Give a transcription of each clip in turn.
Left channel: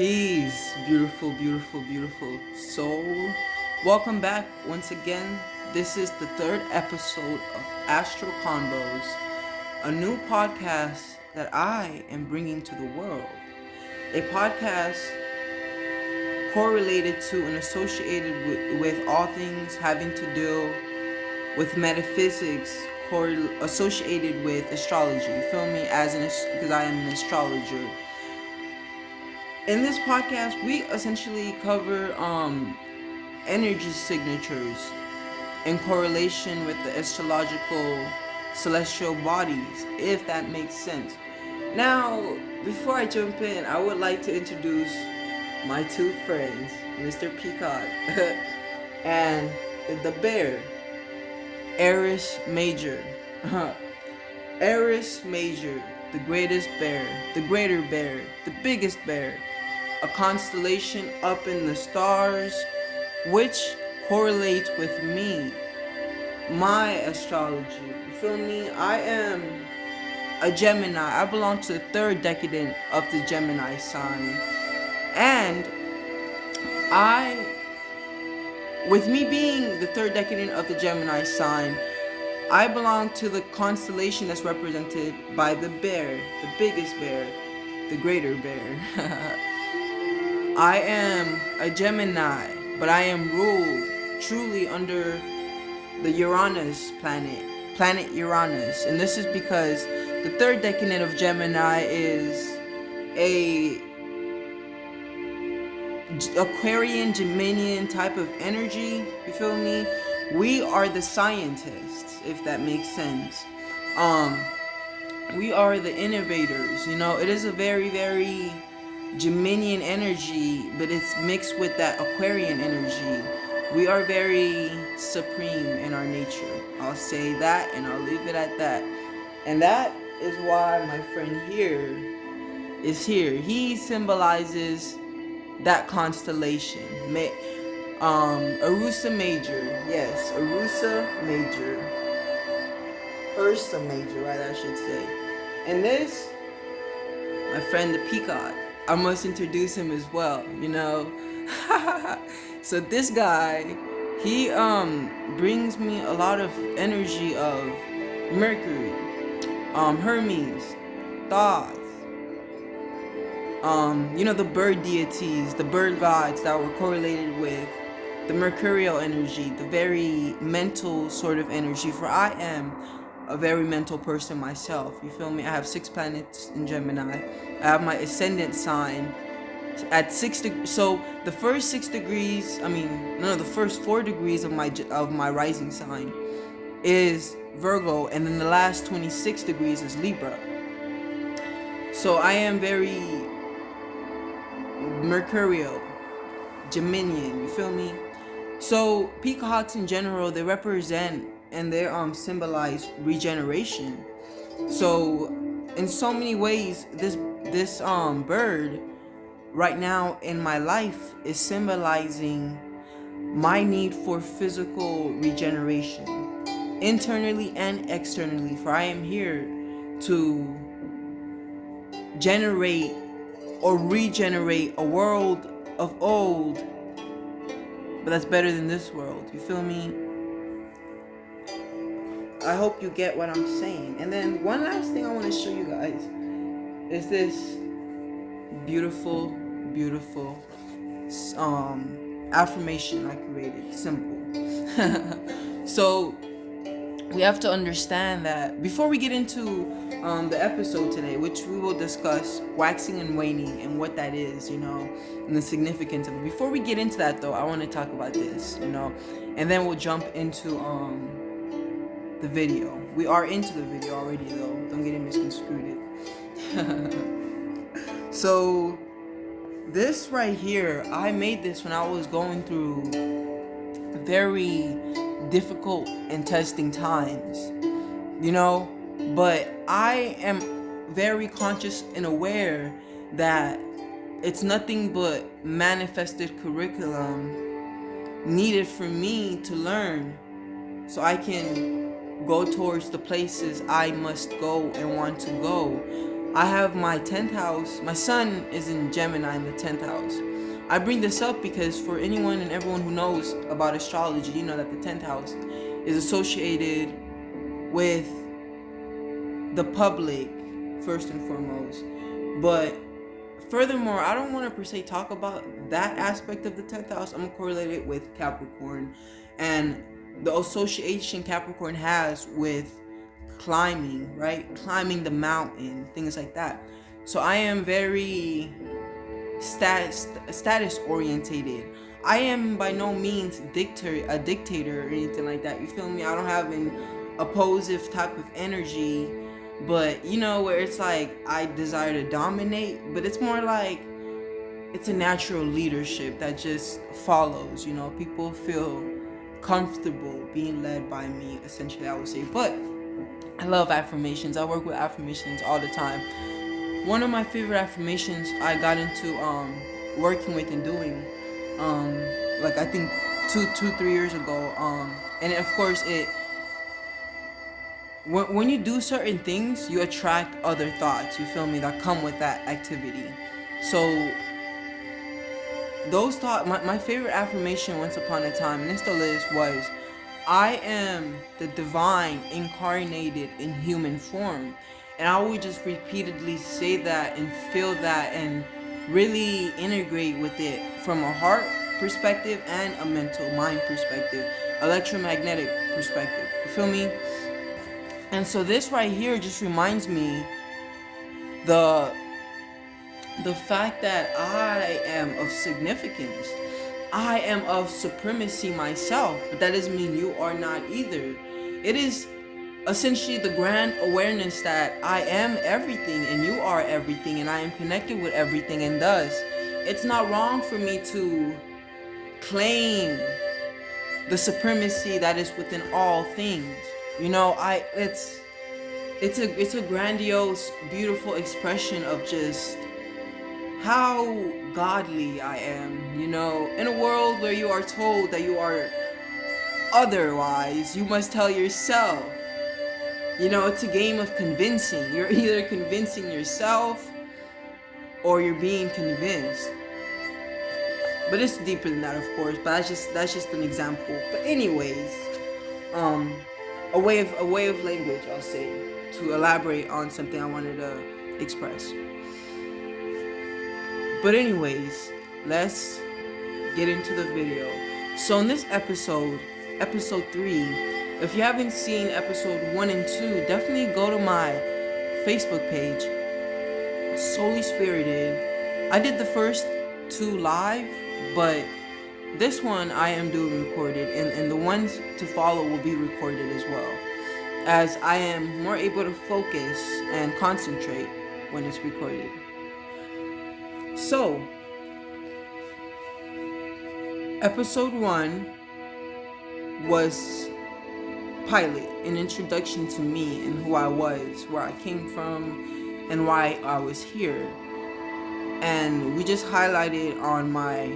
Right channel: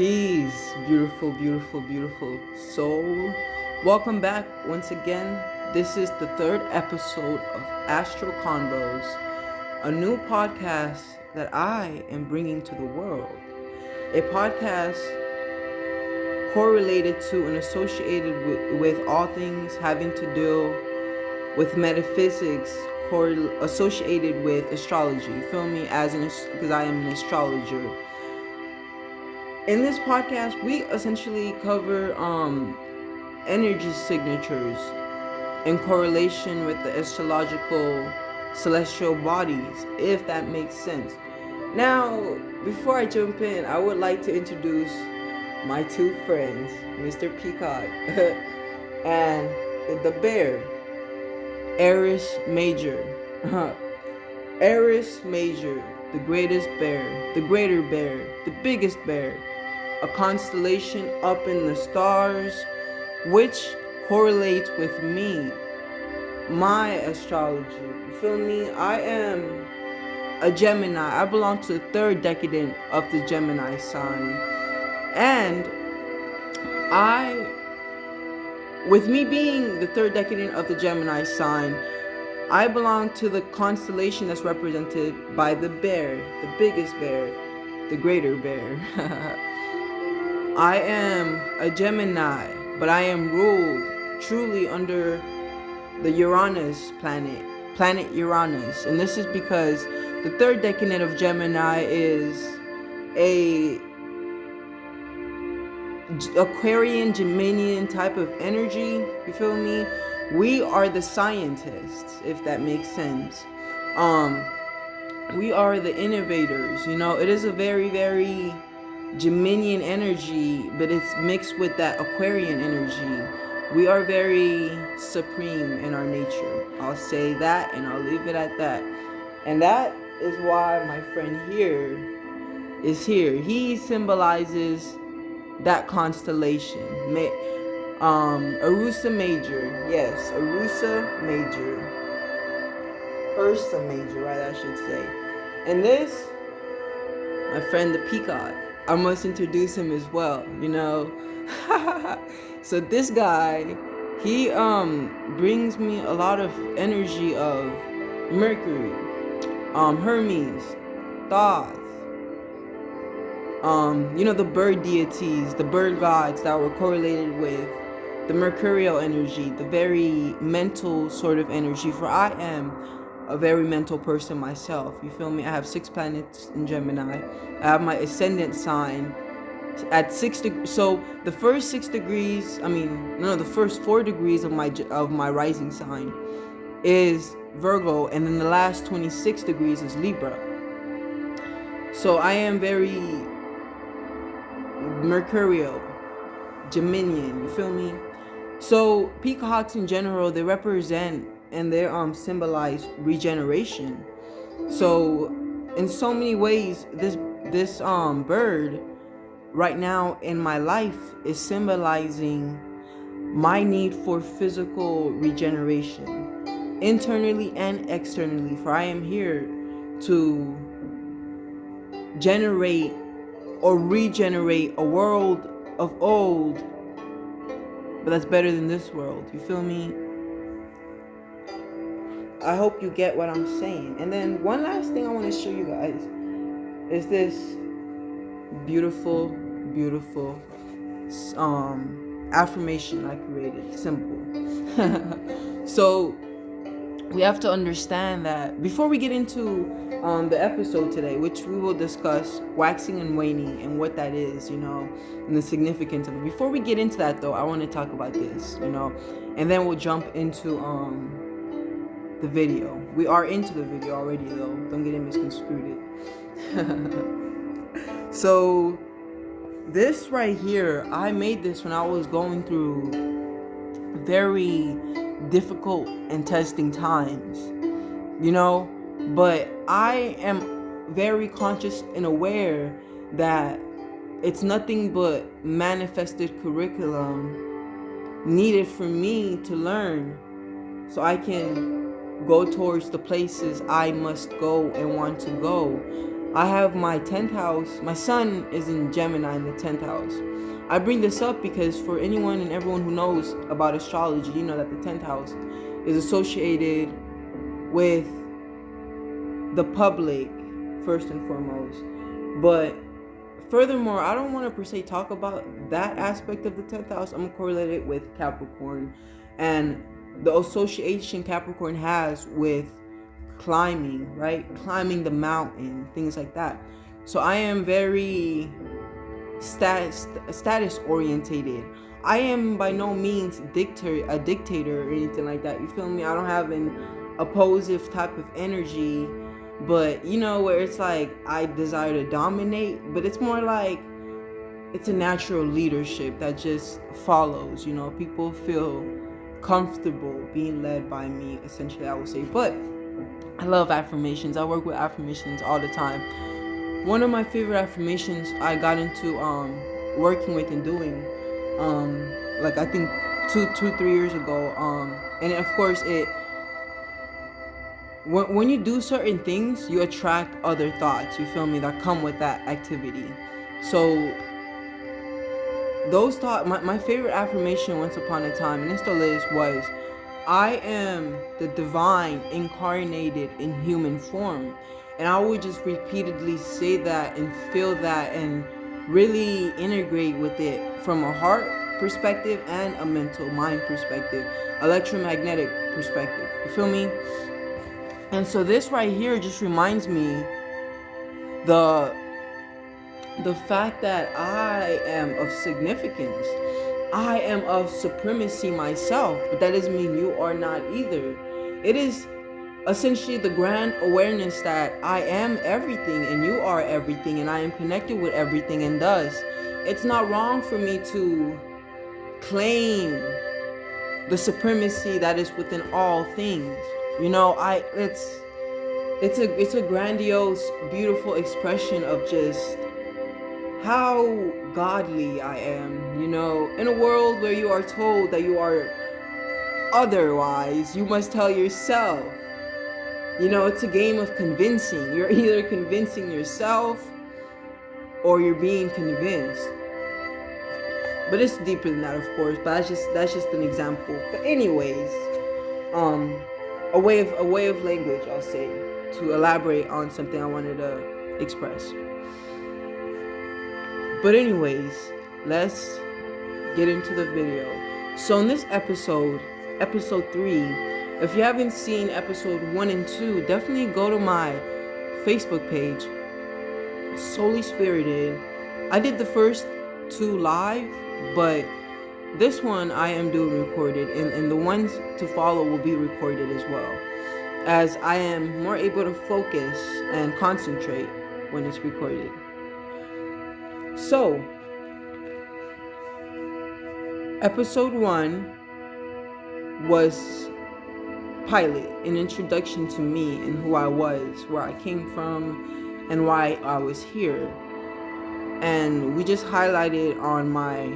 Peace, beautiful, beautiful, beautiful soul. Welcome back once again. This is the third episode of Astral Convos, a new podcast that I am bringing to the world. A podcast correlated to and associated with all things having to do with metaphysics, associated with astrology. You feel me? Because I am an astrologer. In this podcast, we essentially cover energy signatures in correlation with the astrological celestial bodies, if that makes sense. Now, before I jump in, I would like to introduce my two friends, Mr. Peacock and the bear, Aries Major. Aries Major, the greatest bear, the greater bear, the biggest bear, a constellation up in the stars, which correlates with me, my astrology. You feel me? I am a Gemini. I belong to the third decadent of the Gemini sign. And with me being the third decadent of the Gemini sign, I belong to the constellation that's represented by the bear, the biggest bear, the greater bear. I am a Gemini, but I am ruled truly under the Uranus planet Uranus. And this is because the third decadent of Gemini is a Aquarian, Geminian type of energy. You feel me? We are the scientists, if that makes sense. We are the innovators. You know, it is a very, very Geminian energy, but it's mixed with that Aquarian energy. We are very supreme in our nature. I'll say that, and I'll leave it at that. And that is why my friend here is here. He symbolizes that constellation. Ursa Major. Yes, Ursa Major, right, I should say. And this, my friend the Peacock. I must introduce him as well, you know. So this guy, he brings me a lot of energy of Mercury, Hermes, Thoth, you know, the bird deities, the bird gods that were correlated with the mercurial energy, the very mental sort of energy, for I am a very mental person myself. You feel me? I have 6 planets in Gemini. I have my ascendant sign at 6 degrees. So the first 6 degrees, the first 4 degrees of my rising sign is Virgo, and then the last 26 degrees is Libra. So I am very mercurial, Geminian. You feel me? So peacocks in general, they represent and they symbolize regeneration. So in so many ways, this bird right now in my life is symbolizing my need for physical regeneration, internally and externally, for I am here to generate or regenerate a world of old, but that's better than this world. You feel me? I hope you get what I'm saying. And then one last thing I want to show you guys is this beautiful, beautiful affirmation I created. Simple. So we have to understand that before we get into the episode today, which we will discuss waxing and waning and what that is, you know, and the significance of it. Before we get into that though, I want to talk about this, you know, and then we'll jump into the video. We are into the video already though. Don't get it misconstrued. So this right here, I made this when I was going through very difficult and testing times, you know, but I am very conscious and aware that it's nothing but manifested curriculum needed for me to learn so I can go towards the places I must go and want to go. I have my 10th house. My sun is in Gemini in the 10th house. I bring this up because for anyone and everyone who knows about astrology, you know that the 10th house is associated with the public, first and foremost. But furthermore, I don't want to per se talk about that aspect of the 10th house. I'm going to correlate it with Capricorn and the association Capricorn has with climbing, right? Climbing the mountain, things like that. So I am very status orientated. I am by no means a dictator or anything like that. You feel me? I don't have an oppositive type of energy, but you know, where it's like I desire to dominate, but it's more like it's a natural leadership that just follows. You know, people feel comfortable being led by me, essentially, I would say. But I love affirmations. I work with affirmations all the time. One of my favorite affirmations I got into working with and doing, like I think 3 years ago. And of course, when you do certain things, you attract other thoughts. You feel me? That come with that activity. So those thoughts, my favorite affirmation once upon a time, and it still is, was, I am the divine incarnated in human form. And I would just repeatedly say that and feel that and really integrate with it from a heart perspective and a mental mind perspective, electromagnetic perspective. You feel me? And so this right here just reminds me the fact that I am of significance. I am of supremacy myself, but that doesn't mean you are not either. It is essentially the grand awareness that I am everything and you are everything and I am connected with everything, and thus it's not wrong for me to claim the supremacy that is within all things. You know, it's a grandiose, beautiful expression of just how godly I am. You know, in a world where you are told that you are otherwise, you must tell yourself. You know, it's a game of convincing. You're either convincing yourself or you're being convinced. But it's deeper than that, of course. But that's just an example. But anyways, a way of language, I'll say, to elaborate on something I wanted to express. But anyways, let's get into the video. So in this episode 3, if you haven't seen episode 1 and 2, definitely go to my Facebook page, Solely Spirited. I did the first 2 live, but this one I am doing recorded, and the ones to follow will be recorded as well, as I am more able to focus and concentrate when it's recorded. So, episode 1 was pilot, an introduction to me and who I was, where I came from, and why I was here. And we just highlighted on my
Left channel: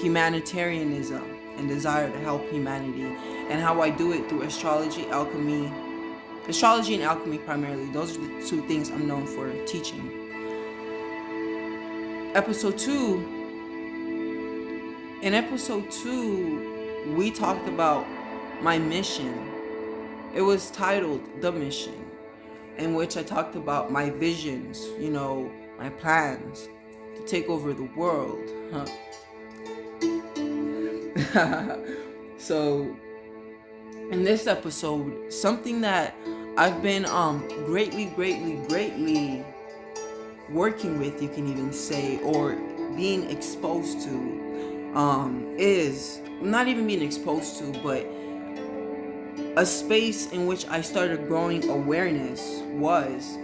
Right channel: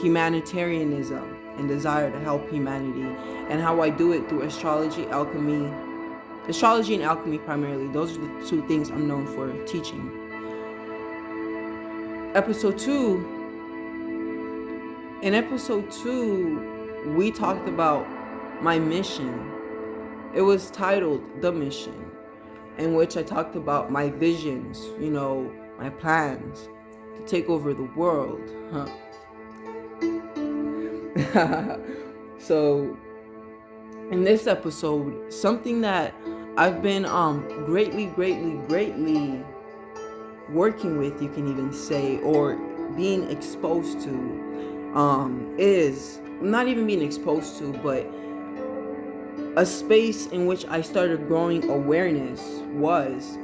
humanitarianism and desire to help humanity, and how I do it through astrology and alchemy primarily. Those are the 2 things I'm known for teaching. In episode 2, we talked about my mission. It was titled The Mission, in which I talked about my visions, you know, my plans to take over the world. So, in this episode, something that I've been greatly working with, you can even say, or being exposed to, is not even being exposed to, but a space in which I started growing awareness was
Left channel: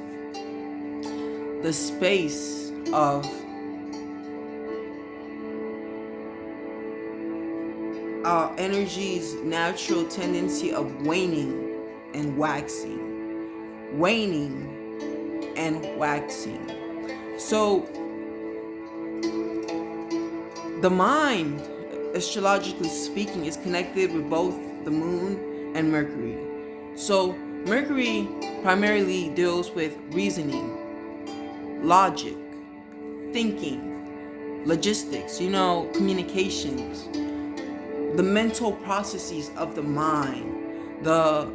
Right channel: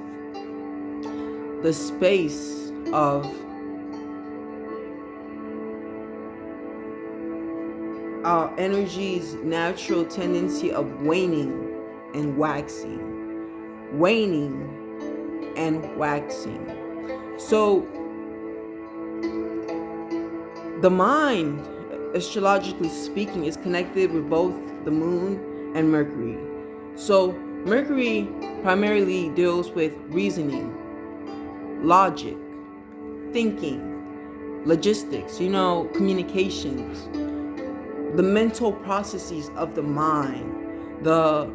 the space of our energy's natural tendency of waning and waxing. Waning and waxing. So, the mind, astrologically speaking, is connected with both the moon and Mercury. So, Mercury primarily deals with reasoning, logic, thinking, logistics, communications, the mental processes of the mind. The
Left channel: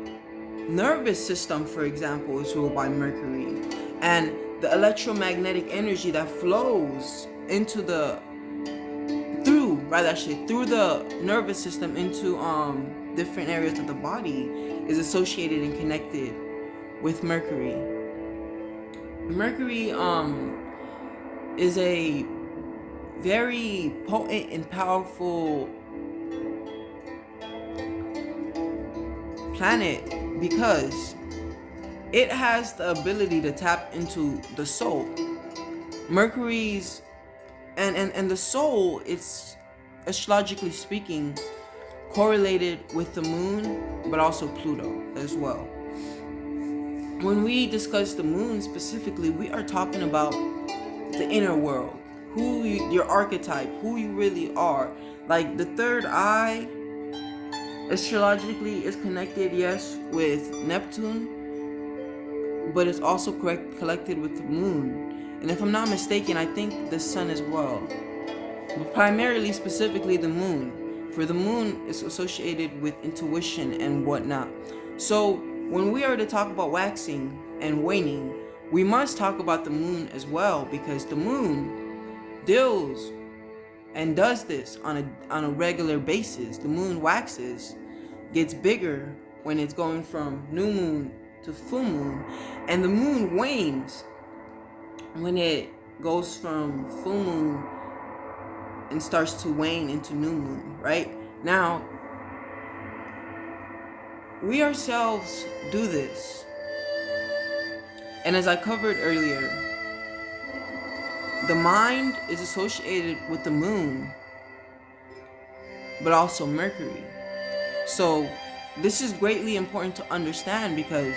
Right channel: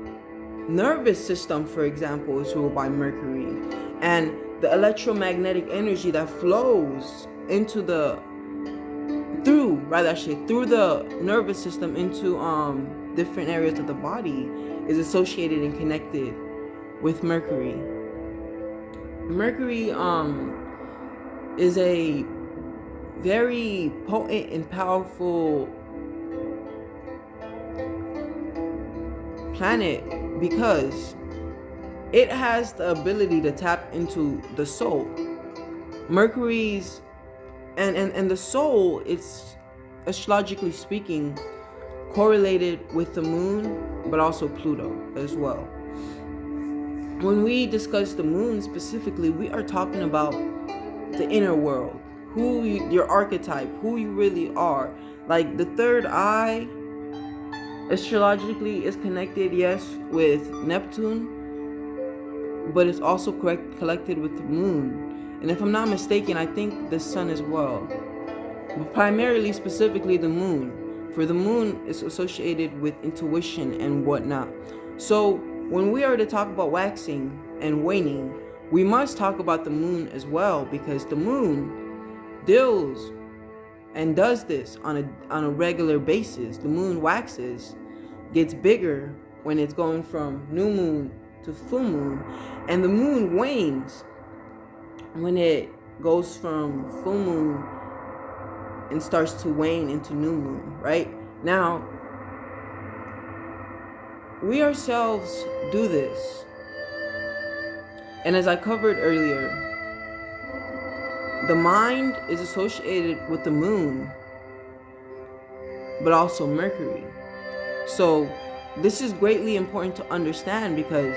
nervous system, for example, is ruled by Mercury, and the electromagnetic energy that flows through the nervous system into different areas of the body is associated and connected with Mercury. Mercury is a very potent and powerful planet because it has the ability to tap into the soul. Mercury's and the soul, it's astrologically speaking correlated with the moon, but also Pluto as well. When we discuss the moon specifically, we are talking about the inner world, your archetype, who you really are. Like the third eye astrologically is connected, yes, with Neptune, but it's also collected with the moon. And if I'm not mistaken, I think the sun as well. But primarily, specifically the moon. For the moon is associated with intuition and whatnot. So when we are to talk about waxing and waning, we must talk about the moon as well, because the moon deals and does this on a regular basis. The moon waxes, gets bigger when it's going from new moon to full moon, and the moon wanes when it goes from full moon and starts to wane into new moon, right? Now, we ourselves do this. And as I covered earlier, the mind is associated with the moon, but also Mercury. So this is greatly important to understand, because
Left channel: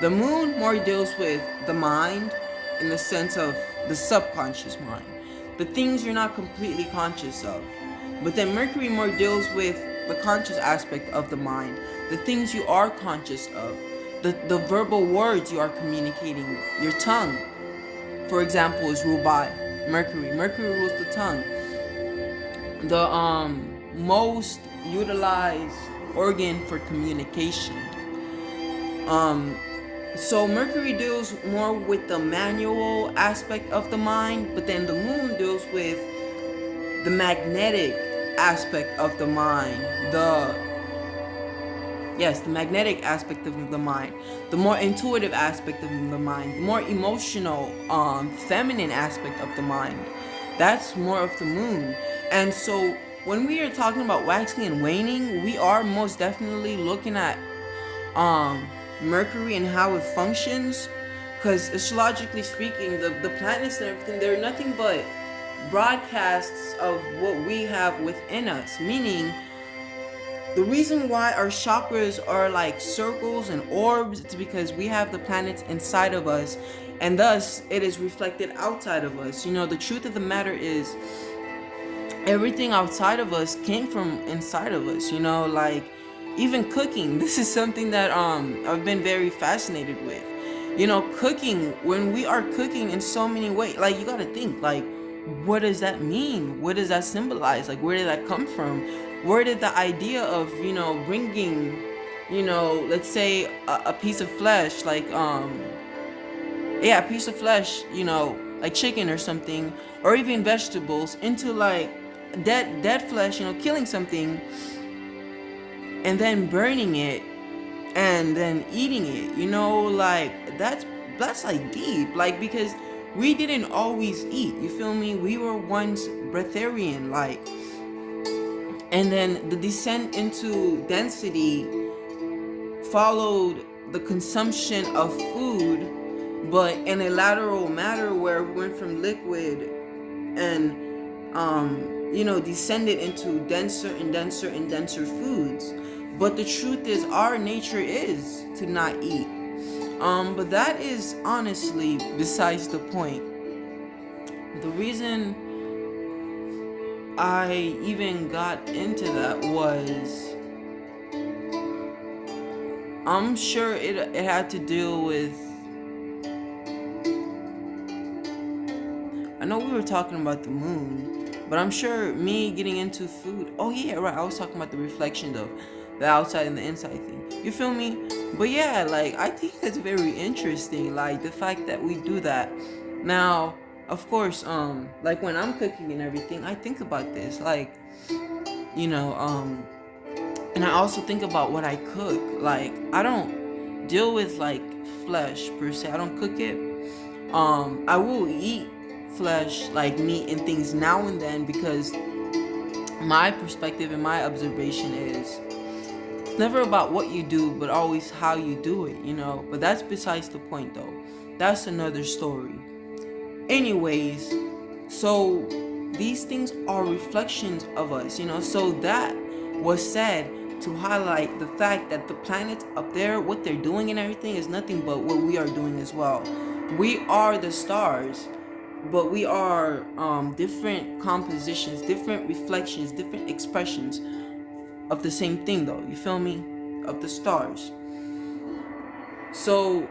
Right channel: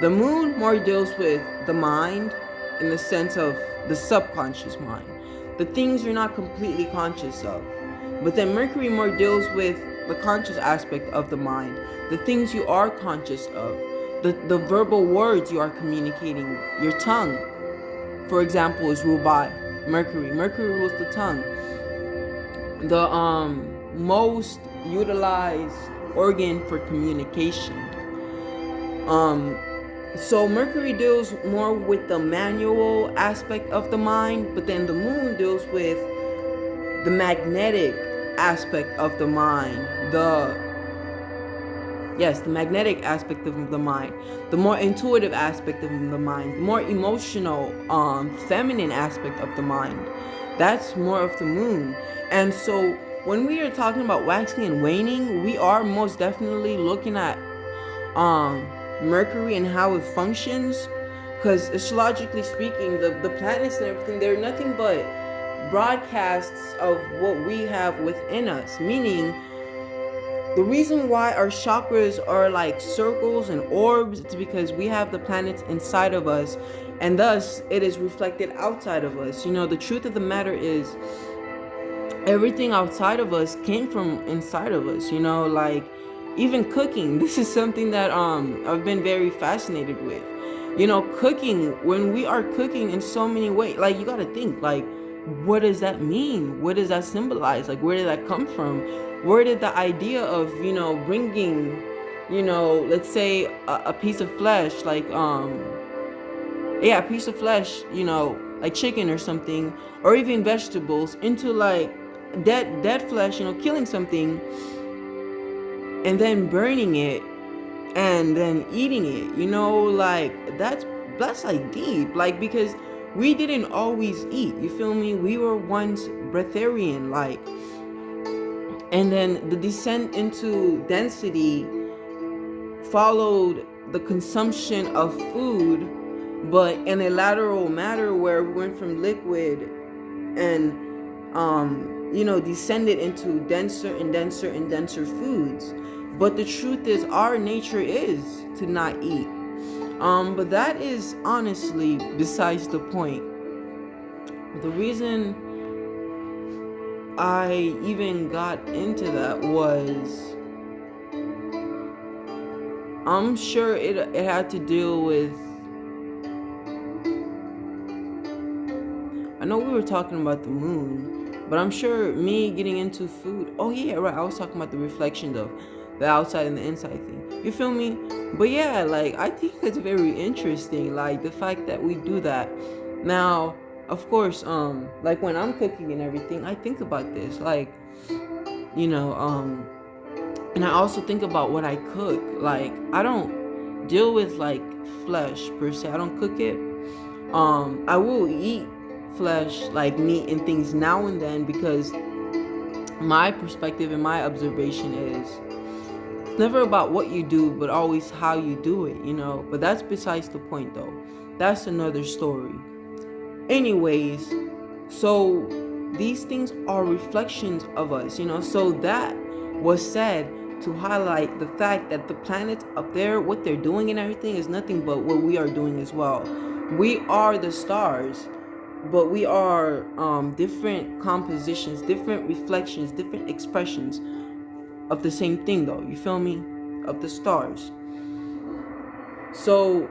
the moon more deals with the mind in the sense of the subconscious mind, the things you're not completely conscious of. But then Mercury more deals with the conscious aspect of the mind, the things you are conscious of, the verbal words you are communicating. Your tongue, for example, is ruled by Mercury. Mercury rules the tongue. The most utilized organ for communication. So Mercury deals more with the manual aspect of the mind, but then the moon deals with the magnetic aspect of the mind. The magnetic aspect of the mind, the more intuitive aspect of the mind, the more emotional, feminine aspect of the mind. That's more of the moon. And so when we are talking about waxing and waning, we are most definitely looking at Mercury and how it functions, because astrologically speaking, the planets and everything, they're nothing but broadcasts of what we have within us. Meaning, the reason why our chakras are like circles and orbs is because we have the planets inside of us, and thus it is reflected outside of us. The truth of the matter is, everything outside of us came from inside of us. Like even cooking. This is something that I've been very fascinated with. Cooking, when we are cooking in so many ways, like you gotta think, like, what does that mean? What does that symbolize? Like, where did that come from? Where did the idea of, bringing, let's say a piece of flesh, like, a piece of flesh, like chicken or something, or even vegetables, into like dead flesh, killing something, and then burning it, and then eating it, like that's like deep, like, because we didn't always eat, you feel me? We were once breatharian, like, and then the descent into density followed the consumption of food, but in a lateral matter where we went from liquid and descended into denser and denser and denser foods. But the truth is, our nature is to not eat. But that is honestly besides the point. The reason I even got into that was, I'm sure it had to deal with know we were talking about the moon, but I'm sure me getting into food. Oh yeah, right. I was talking about the reflection of the outside and the inside thing. You feel me? But yeah, like I think that's very interesting. Like the fact that we do that. Now, of course, like when I'm cooking and everything, I think about this. Like, you know, and I also think about what I cook. Like I don't deal with like flesh per se. I don't cook it. I will eat flesh, like meat and things now and then, because my perspective and my observation is it's never about what you do, but always how you do it, you know. But that's besides the point, though. That's another story. Anyways, so these things are reflections of us, you know. So that was said to highlight the fact that the planets up there, what they're doing and everything, is nothing but what we are doing as well. We are the stars, but we are different compositions, different reflections, different expressions of the same thing, though. You feel me? Of the stars. So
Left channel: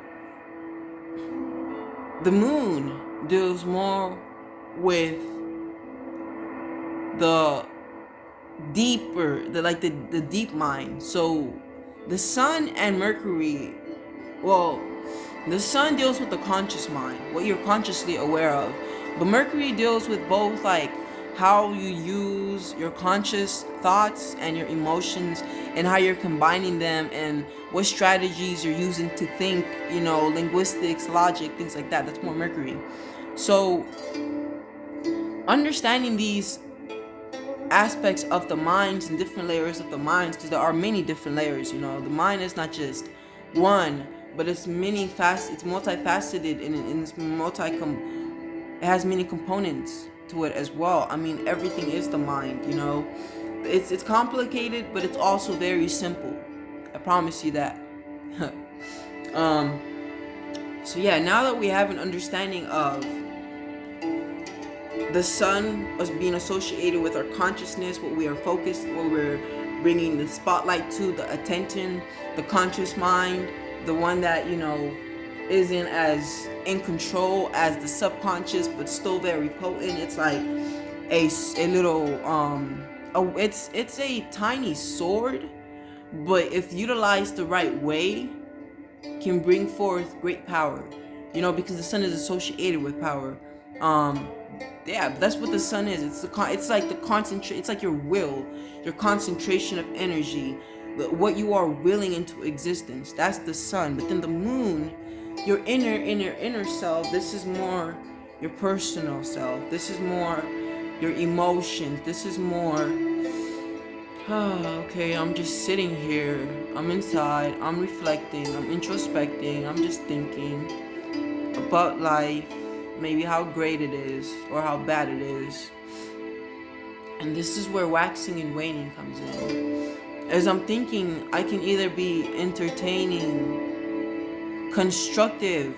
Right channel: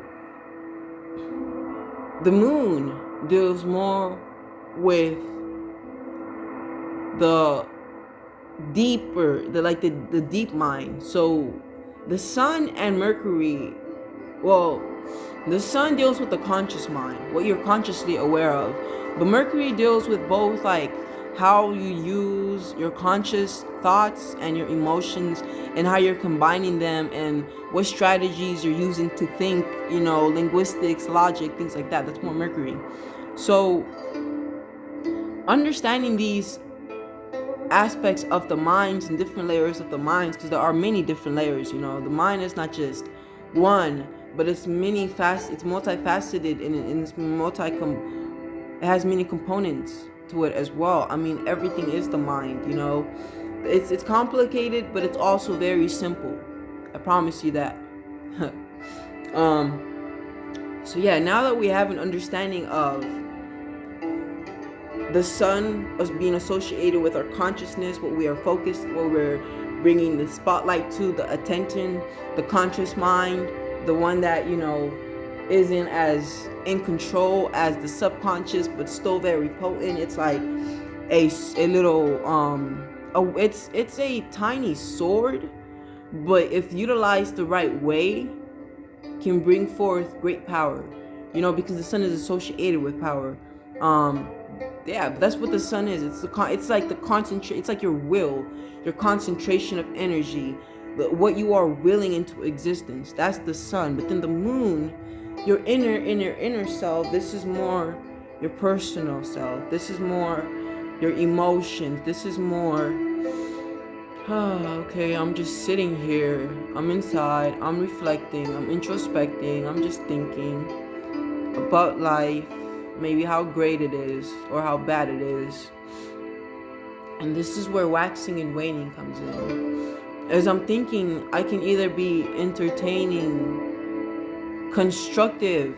the moon deals more with the deeper, the deep mind. So the sun and Mercury, well, the sun deals with the conscious mind, what you're consciously aware of. But Mercury deals with both, like how you use your conscious thoughts and your emotions and how you're combining them and what strategies you're using to think, you know, linguistics, logic, things like that. That's more Mercury. So understanding these aspects of the minds and different layers of the minds, because there are many different layers, you know. The mind is not just one, but it's it's multifaceted, and it has many components to it as well. I mean, everything is the mind, you know. It's complicated, but it's also very simple. I promise you that. So yeah, now that we have an understanding of the sun as being associated with our consciousness, what we are focused, what we're bringing the spotlight to, the attention, the conscious mind, the one that, you know, isn't as in control as the subconscious, but still very potent. It's like a little it's a tiny sword, but if utilized the right way, can bring forth great power, you know, because the sun is associated with power. Yeah, that's what the sun is. It's like the concentrate. It's like your will, your concentration of energy, what you are willing into existence. That's the sun. But then the moon, your inner self. This is more your personal self. This is more your emotions. This is more. Okay, I'm just sitting here. I'm inside. I'm reflecting. I'm introspecting. I'm just thinking about life. Maybe how great it is or how bad it is. And this is where waxing and waning comes in. As I'm thinking, I can either be entertaining constructive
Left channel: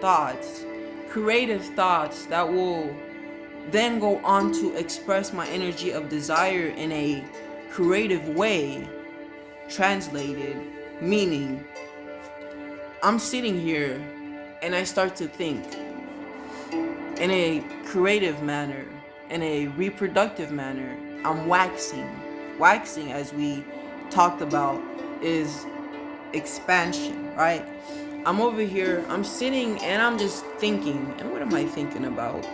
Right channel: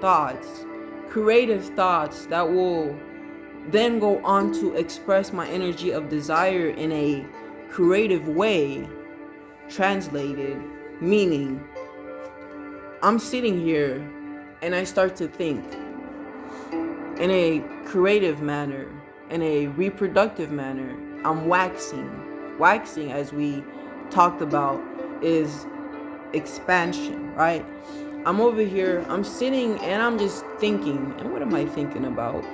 thoughts, creative thoughts that will then go on to express my energy of desire in a creative way, translated, meaning I'm sitting here and I start to think in a creative manner, in a reproductive manner. I'm waxing. Waxing, as we talked about, is expansion, right? I'm over here, I'm sitting and I'm just thinking. And what am I thinking about?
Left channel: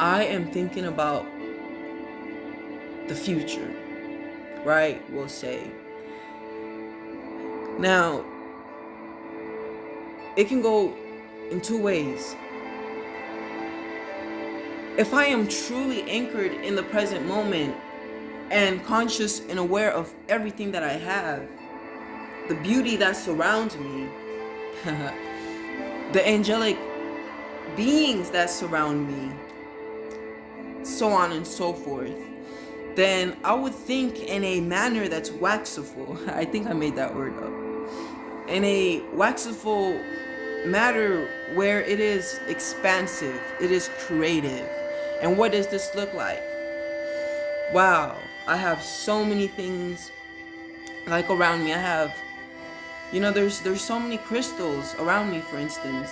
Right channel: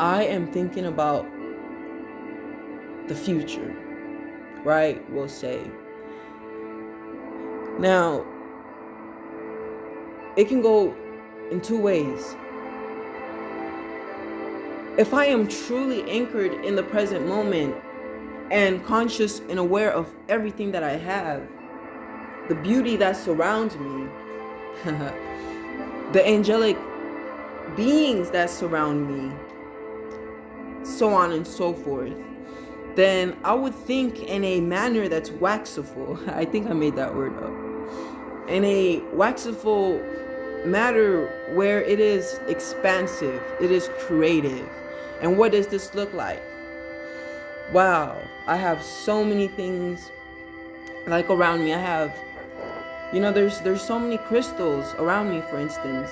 I am thinking about the future, right? We'll say. Now, it can go in two ways. If I am truly anchored in the present moment and conscious and aware of everything that I have, the beauty that surrounds me, the angelic beings that surround me, so on and so forth, then I would think in a manner that's waxiful. I think I made that word up. In a waxiful matter where it is expansive, it is creative. And what does this look like? Wow, I have so many things like around me. I have, you know, there's so many crystals around me, for instance.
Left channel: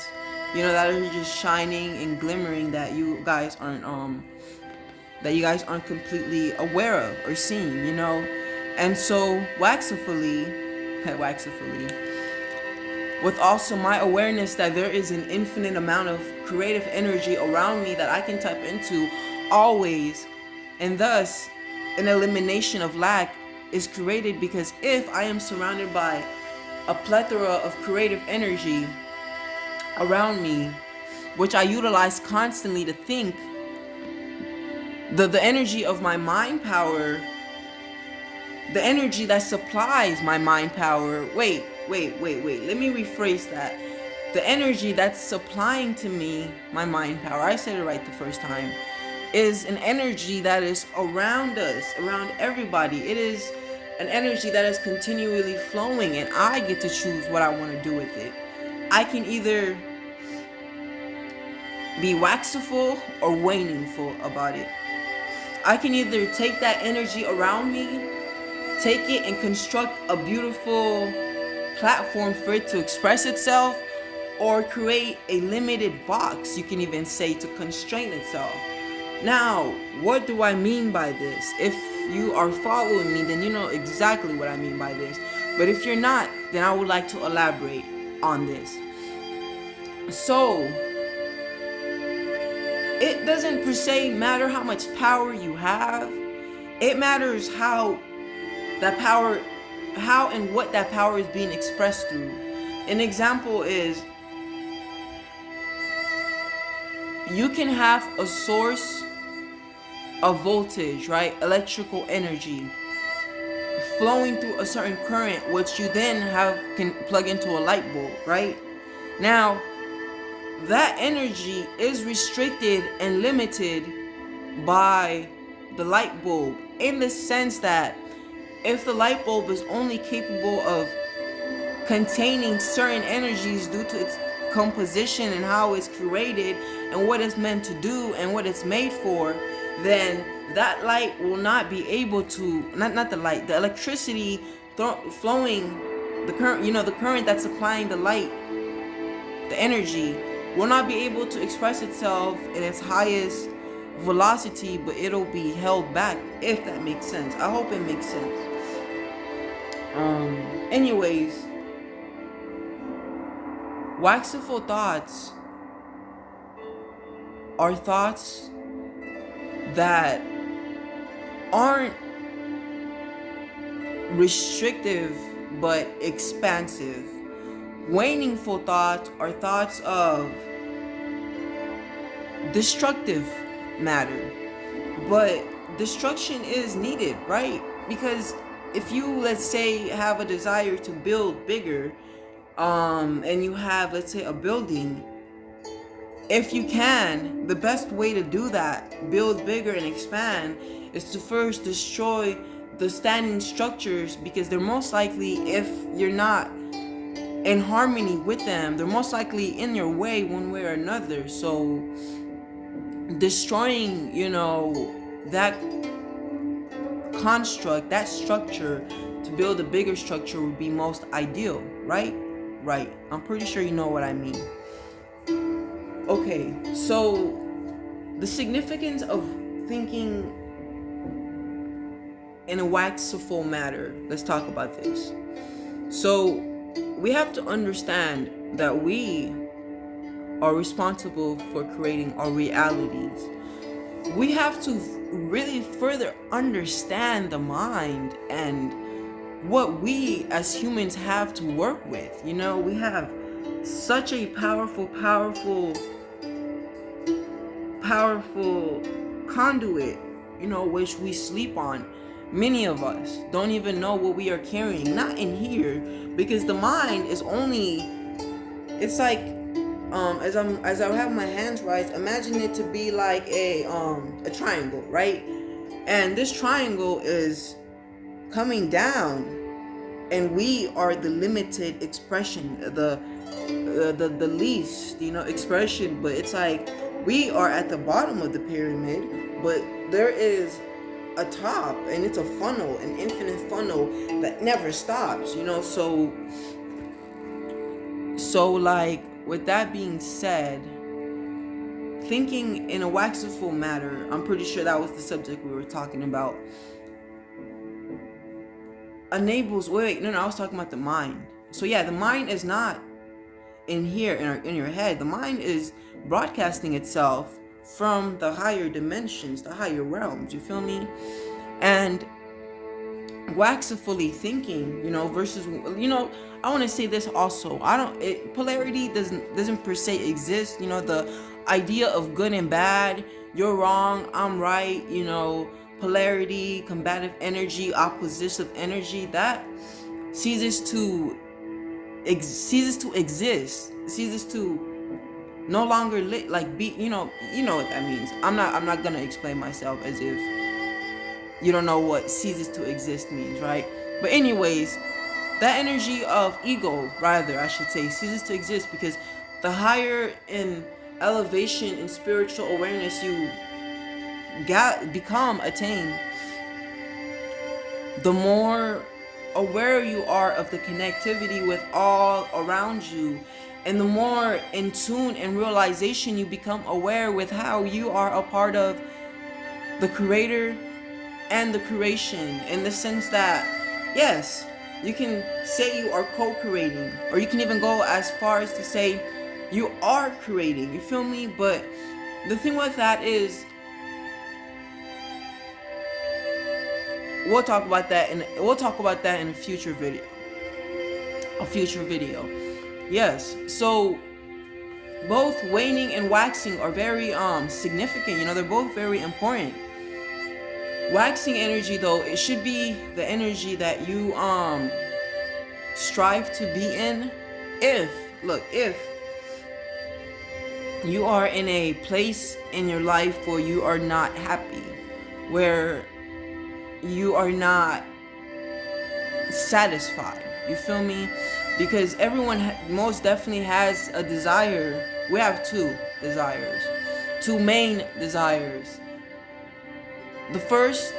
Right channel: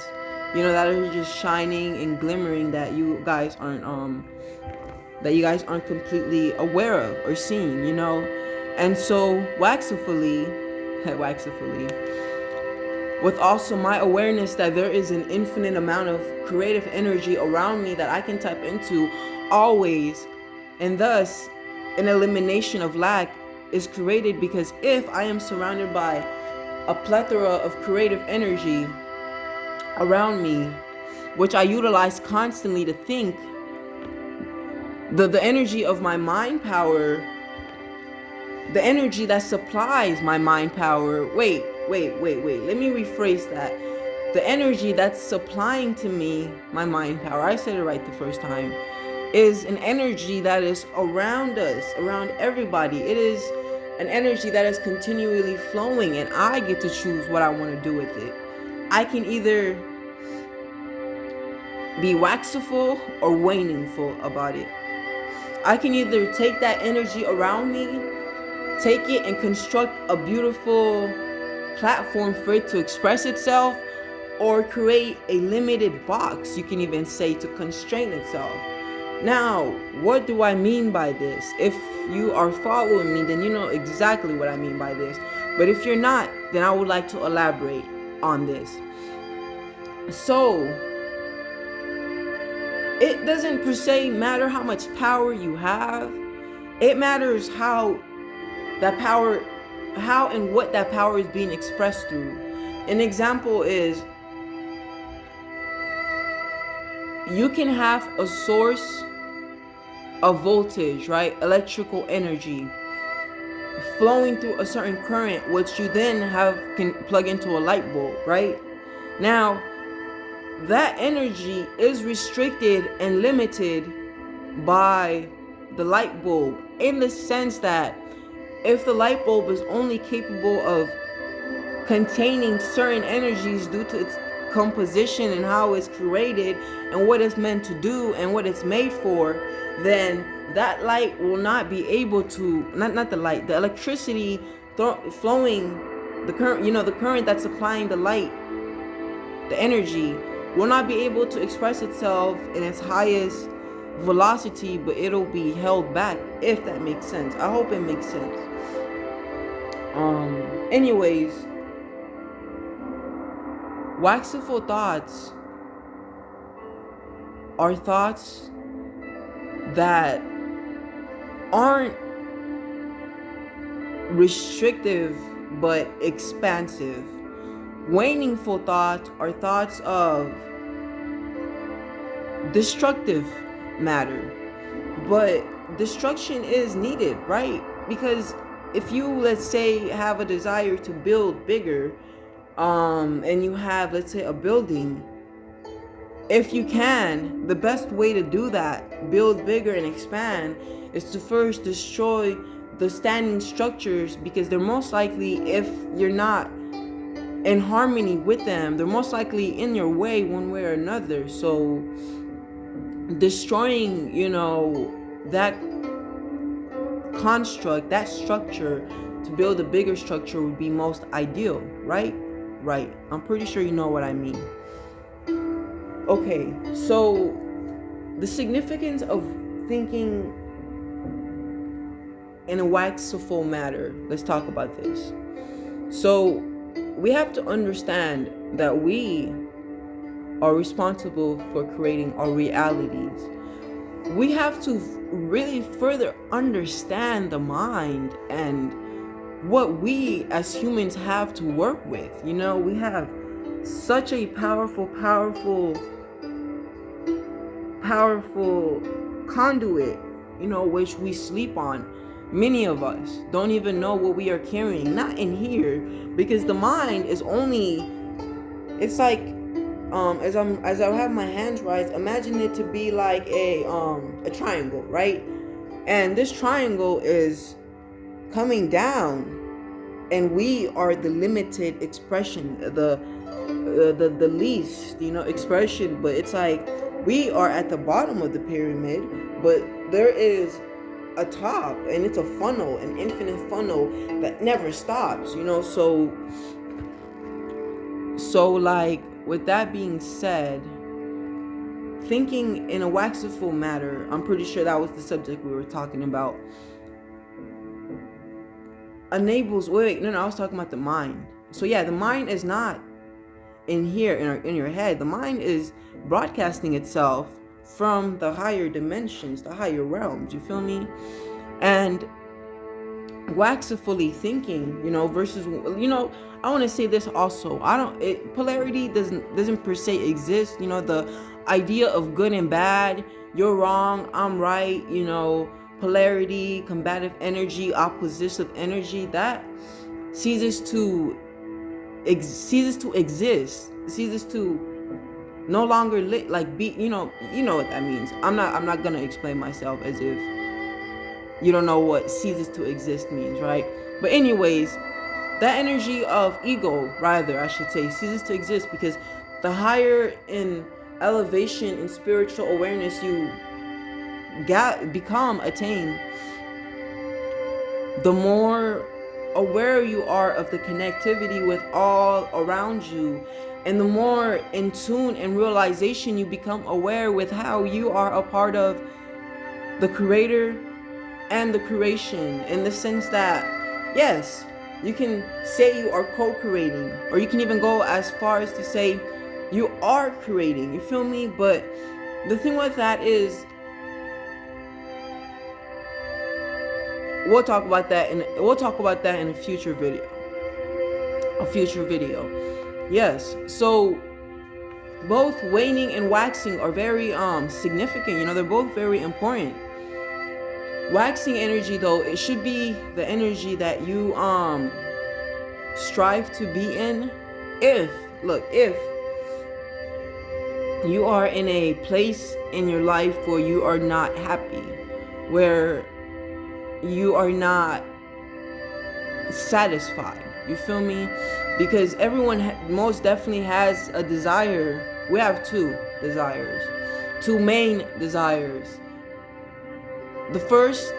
that are just shining and glimmering that you guys aren't completely aware of or seeing, And so waxifully, with also my awareness that there is an infinite amount of creative energy around me that I can tap into always, and thus an elimination of lack is created, because if I am surrounded by a plethora of creative energy around me, which I utilize constantly to think, the energy of my mind power, the energy that supplies my mind power, wait, let me rephrase that. The energy that's supplying to me my mind power, I said it right the first time, is an energy that is around us, around everybody. It is an energy that is continually flowing, and I get to choose what I want to do with it. I can either be waxiful or waningful about it. I can either take that energy around me, take it and construct a beautiful platform for it to express itself, or create a limited box, you can even say, to constrain itself. Now, what do I mean by this? If you are following me, then you know exactly what I mean by this. But if you're not, then I would like to elaborate on this. So, it doesn't per se matter how much power you have. It matters how and what that power is being expressed through. An example is, you can have a source of voltage, right? Electrical energy flowing through a certain current, which you then can plug into a light bulb, right? Now, that energy is restricted and limited by the light bulb, in the sense that if the light bulb is only capable of containing certain energies due to its composition and how it's created and what it's meant to do and what it's made for, then that light will not be able to, not the light, the electricity flowing, the current, the current that's supplying the light, the energy, will not be able to express itself in its highest velocity, but it'll be held back, if that makes sense. I hope it makes sense. Anyways, waxiful thoughts are thoughts that aren't restrictive but expansive. Waningful thoughts are thoughts of destructive matter, but destruction is needed, right? Because if you, let's say, have a desire to build bigger, and you have, let's say, a building, if you can, the best way to do that, build bigger and expand, is to first destroy the standing structures, because they're most likely, if you're not in harmony with them, they're most likely in your way one way or another. So destroying, that construct, that structure, to build a bigger structure would be most ideal, right? Right. I'm pretty sure you know what I mean. Okay, so the significance of thinking in a waxiful matter. Let's talk about this. So we have to understand that we are responsible for creating our realities. We have to really further understand the mind and what we as humans have to work with. We have such a powerful conduit, which we sleep on. Many of us don't even know what we are carrying, not in here, because the mind is only, it's like, as I have my hands raised, imagine it to be like a triangle, right? And this triangle is coming down, and we are the limited expression, the least, expression. But it's like we are at the bottom of the pyramid, but there is a top, and it's a funnel, an infinite funnel that never stops. So like with that being said, thinking in a waxful matter, I'm pretty sure that was the subject we were talking about, enables, I was talking about the mind. So yeah, the mind is not in here, in your head. The mind is broadcasting itself from the higher dimensions, the higher realms, you feel me? And waxfully thinking, versus, I want to say this also. Polarity doesn't per se exist. The idea of good and bad, you're wrong, I'm right, polarity, combative energy, oppositive energy, that ceases to exist, ceases to no longer you know what that means. I'm not gonna explain myself as if you don't know what ceases to exist means, right? But anyways, that energy of ego, rather I should say, ceases to exist, because the higher in elevation and spiritual awareness you attain, the more aware you are of the connectivity with all around you, and the more in tune and realization you become aware with how you are a part of the creator and the creation, in the sense that, yes, you can say you are co-creating, or you can even go as far as to say you are creating, you feel me? But the thing with that is, we'll talk about that in a future video. Yes, so both waning and waxing are very significant, they're both very important. Waxing energy, though, it should be the energy that you strive to be in. If you are in a place in your life where you are not happy, where you are not satisfied, you feel me? Because everyone most definitely has a desire. We have two main desires. The first,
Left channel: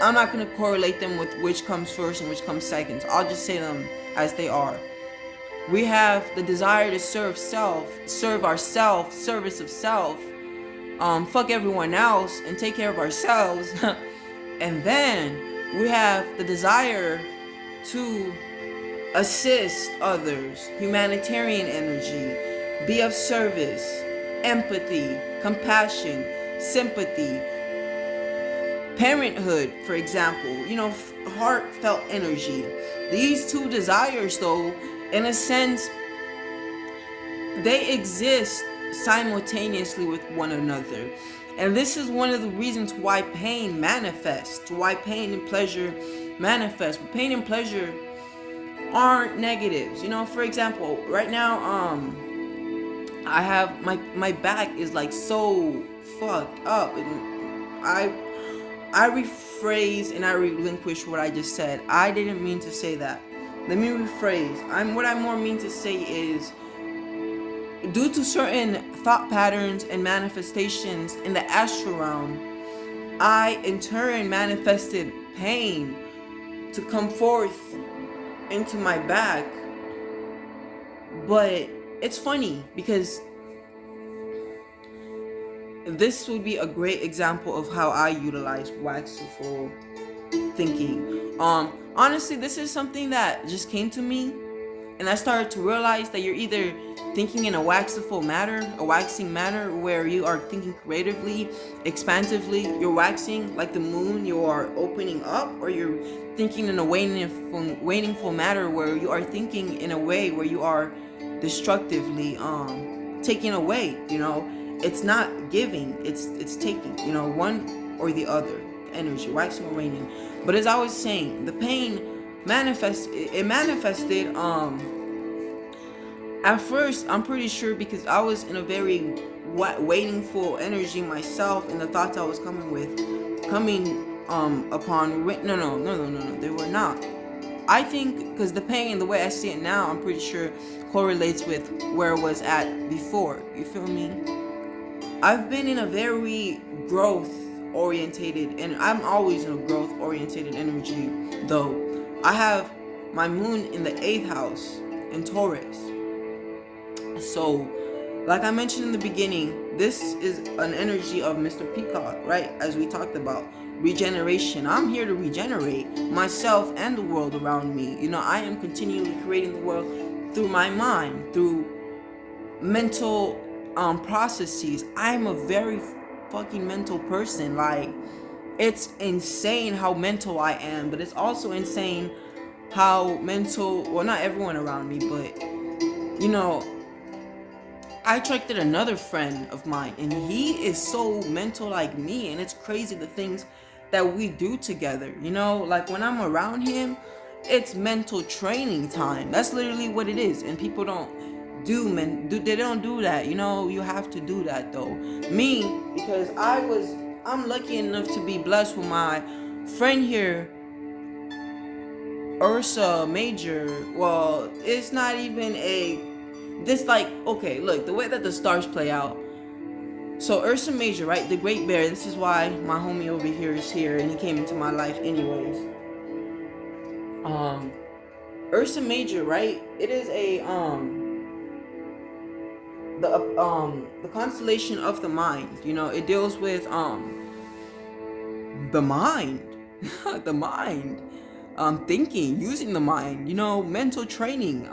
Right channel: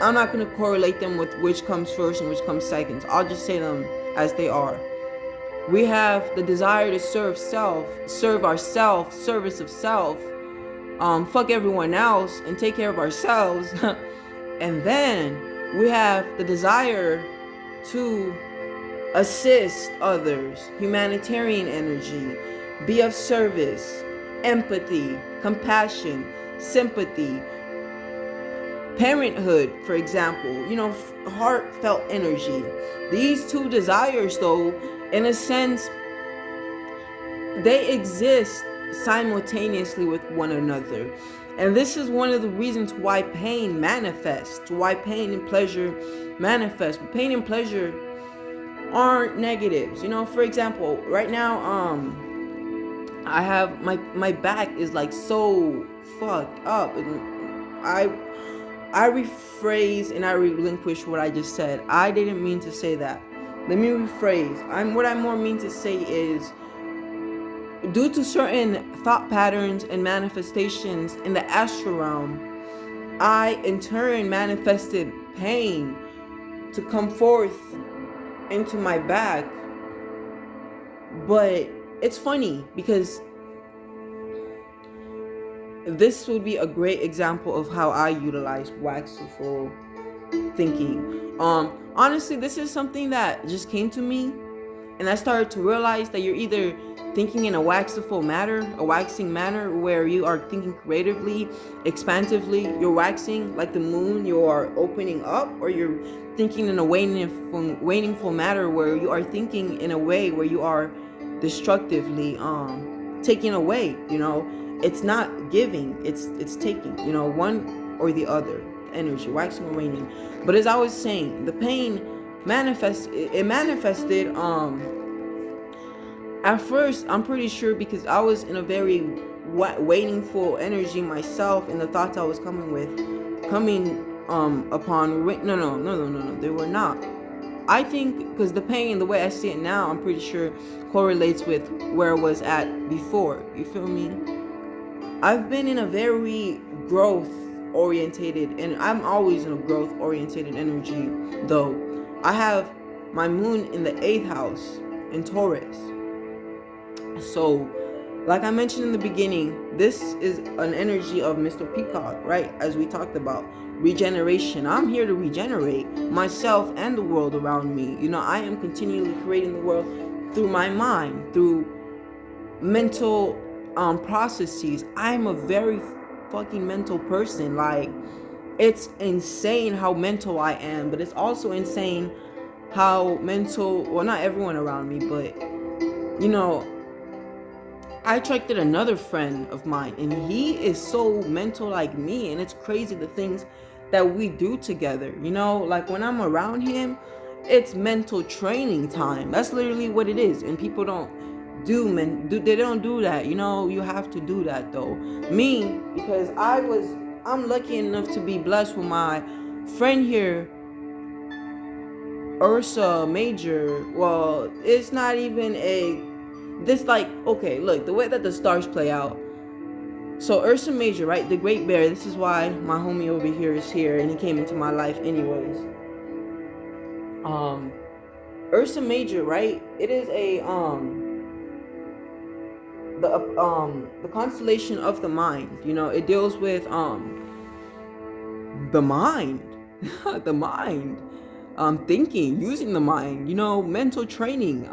I'm not going to correlate them with which comes first and which comes second. I'll just say them as they are. We have the desire to serve ourself, service of self, fuck everyone else and take care of ourselves. And then we have the desire to assist others, humanitarian energy, be of service, empathy, compassion, sympathy, parenthood, for example, heartfelt energy. These two desires, though, in a sense, they exist simultaneously with one another. And this is one of the reasons why pain manifests, why pain and pleasure manifest. But pain and pleasure aren't negatives. For example, right now, I have my back is so fucked up, and I rephrase and I relinquish what I just said. I didn't mean to say that. Let me rephrase. What I more mean to say is, due to certain thought patterns and manifestations in the astral realm, I in turn manifested pain to come forth into my back. But it's funny, because this would be a great example of how I utilize waxful thinking. Honestly, this is something that just came to me, and I started to realize that you're either thinking in a waxing manner, where you are thinking creatively, expansively, you're waxing like the moon, you are opening up, or you're thinking in a waningful manner, where you are thinking in a way where you are destructively taking away. It's not giving, it's taking, one or the other energy, waxing or waning. But as I was saying, the pain manifested at first, I'm pretty sure, because I was in a very waningful energy myself, and the thoughts I was coming upon, no, they were not. I think, because the pain, the way I see it now, I'm pretty sure correlates with where I was at before, you feel me? I've been in a very growth-orientated, and I'm always in a growth-orientated energy, though. I have my moon in the 8th house in Taurus. So, like I mentioned in the beginning, this is an energy of Mr. Peacock, right? As we talked about regeneration. I'm here to regenerate myself and the world around me. I am continually creating the world through my mind, through mental processes. I'm a very fucking mental person. Like, it's insane how mental I am, but it's also insane how mental, well, not everyone around me, but I attracted another friend of mine, and he is so mental like me, and it's crazy the things that we do together. Like when I'm around him, it's mental training time. That's literally what it is, and people they don't do that. You have to do that though. Me, because I'm lucky enough to be blessed with my friend here, Ursa Major. Well, it's not even okay, look, the way that the stars play out. So Ursa Major, right, the Great Bear, this is why my homie over here is here, and he came into my life anyways. Ursa Major, right, it is the constellation of the mind. It deals with the mind. The mind, thinking, using the mind, mental training,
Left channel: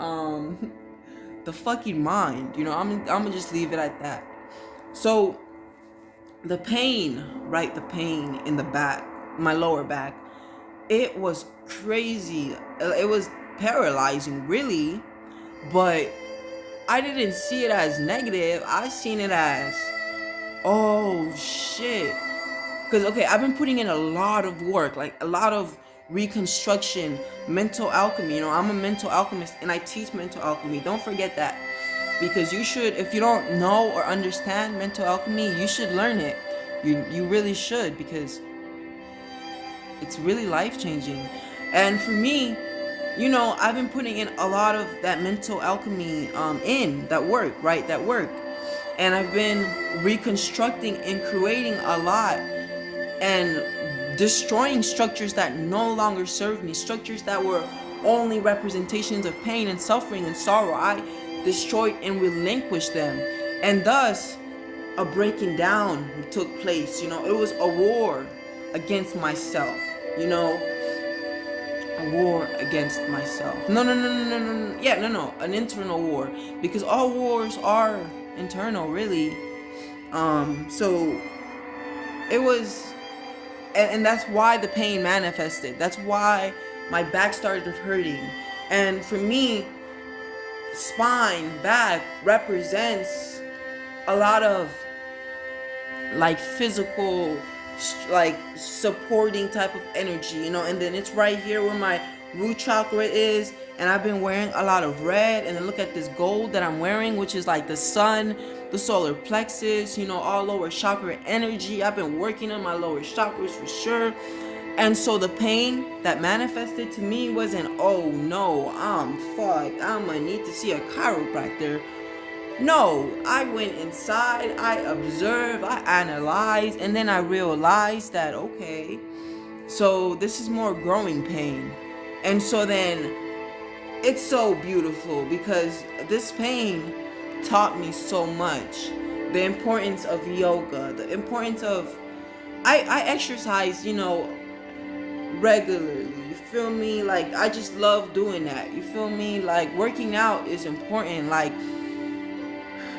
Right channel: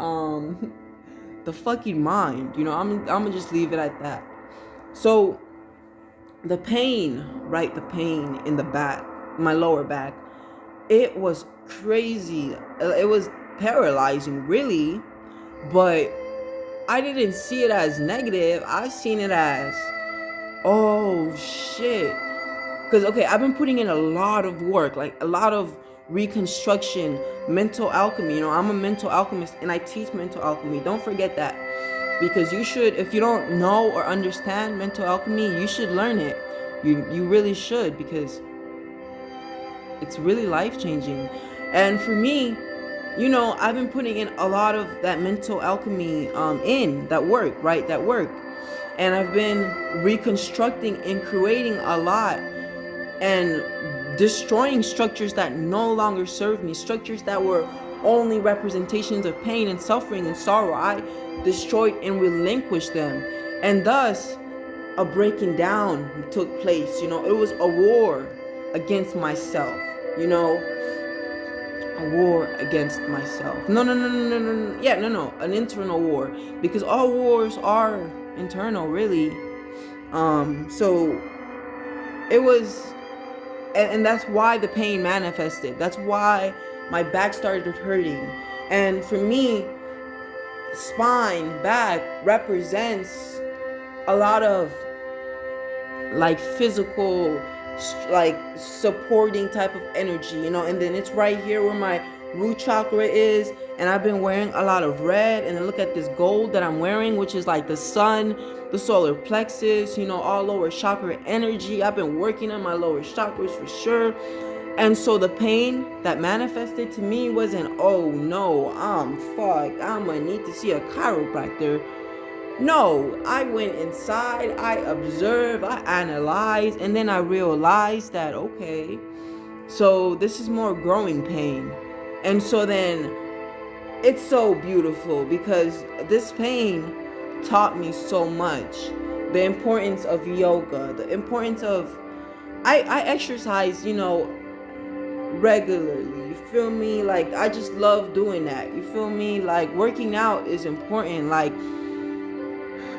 the fucking mind. I'm gonna just leave it at that. So the pain, right, the pain in the back, my lower back, it was crazy. It was paralyzing, really, but I didn't see it as negative. I seen it as, oh shit. Because, okay, I've been putting in a lot of work, like a lot of reconstruction, mental alchemy. I'm a mental alchemist, and I teach mental alchemy. Don't forget that. Because you should, if you don't know or understand mental alchemy, you should learn it. You really should, because it's really life-changing. And for me, I've been putting in a lot of that mental alchemy in that work, right? That work. And I've been reconstructing and creating a lot and destroying structures that no longer serve me, structures that were only representations of pain and suffering and sorrow. I destroyed and relinquished them, and thus a breaking down took place. It was a war against myself. A war against myself. No. Yeah, no. An internal war, because all wars are internal, really. So it was. And that's why the pain manifested. That's why my back started hurting. And for me, spine, back represents a lot of like physical, like supporting type of energy, and then it's right here where my root chakra is. And I've been wearing a lot of red, and then look at this gold that I'm wearing, which is like the sun, the solar plexus, all lower chakra energy. I've been working on my lower chakras for sure. And so the pain that manifested to me wasn't, oh no, I'm fucked, I'm gonna need to see a chiropractor. No, I went inside, I observed, I analyzed, and then I realized that, okay, so this is more growing pain. And so then it's so beautiful, because this pain taught me so much. The importance of yoga, the importance of, I exercise, regularly, you feel me? Like, I just love doing that, you feel me? Like, working out is important, like,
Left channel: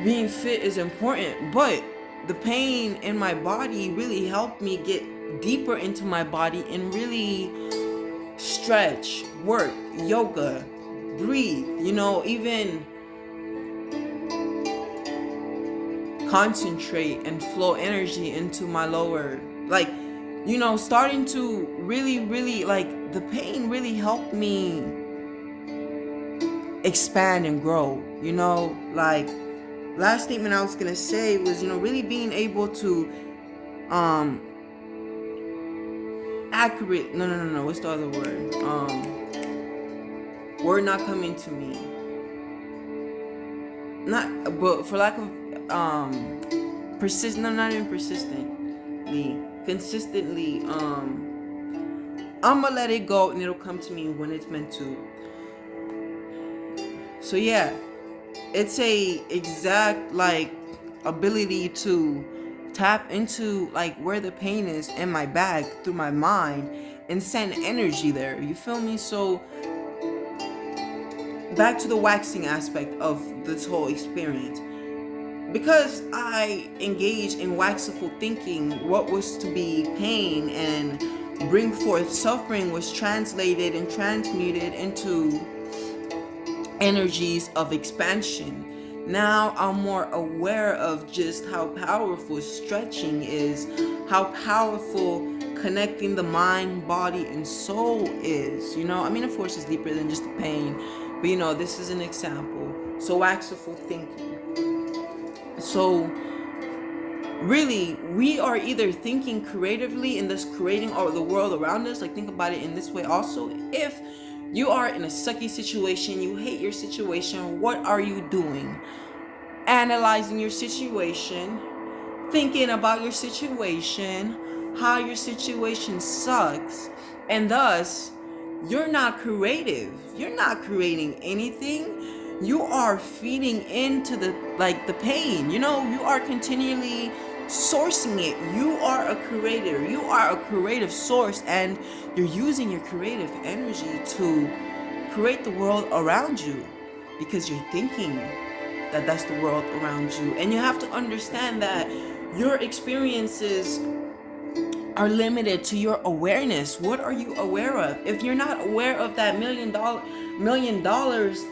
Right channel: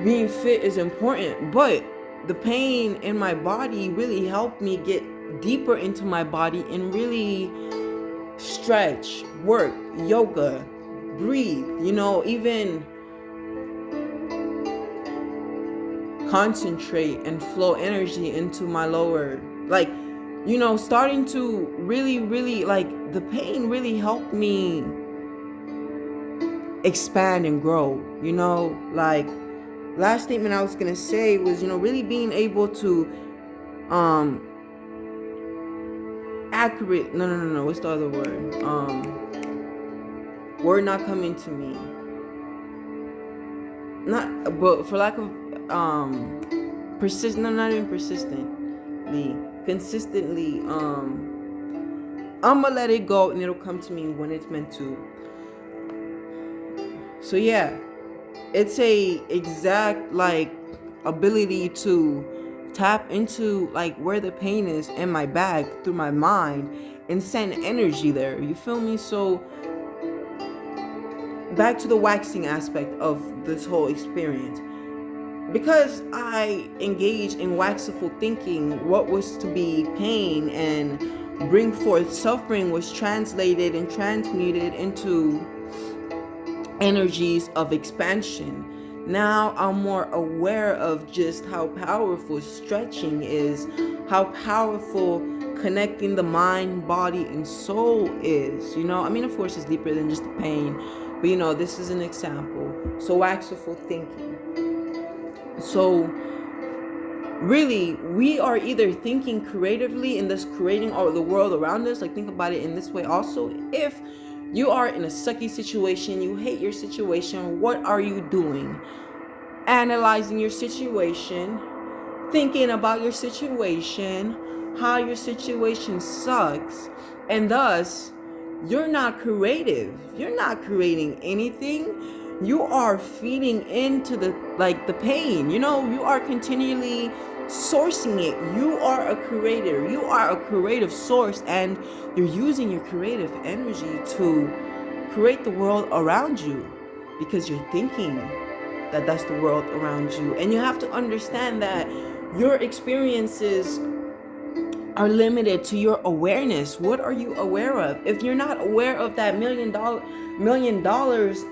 being fit is important, but the pain in my body really helped me get deeper into my body and really stretch, work, yoga, breathe, even concentrate and flow energy into my lower, like, starting to really, like, the pain really helped me expand and grow, like, last statement I was gonna say was, really being able to accurate, no, what's the other word not coming to me, not, but for lack of not even persistently, consistently, I'ma let it go, and it'll come to me when it's meant to. So yeah, it's a exact like ability to tap into like where the pain is in my back through my mind and send energy there. You feel me? So back to the waxing aspect of this whole experience. Because I engaged in waxful thinking, what was to be pain and bring forth suffering was translated and transmuted into energies of expansion. Now I'm more aware of just how powerful stretching is, how powerful connecting the mind, body, and soul is. I mean, of course, it's deeper than just the pain, but this is an example. So, waxful thinking. So, really, we are either thinking creatively and thus creating the world around us. Like, think about it in this way also. If you are in a sucky situation, you hate your situation, what are you doing? Analyzing your situation, thinking about your situation, how your situation sucks, and thus you're not creative. You're not creating anything. You are feeding into the pain. You are continually sourcing it. You are a creator. You are a creative source, and you're using your creative energy to create the world around you because you're thinking that that's the world around you. And you have to understand that your experiences are limited to your awareness. What are you aware of? If you're not aware of that $1 million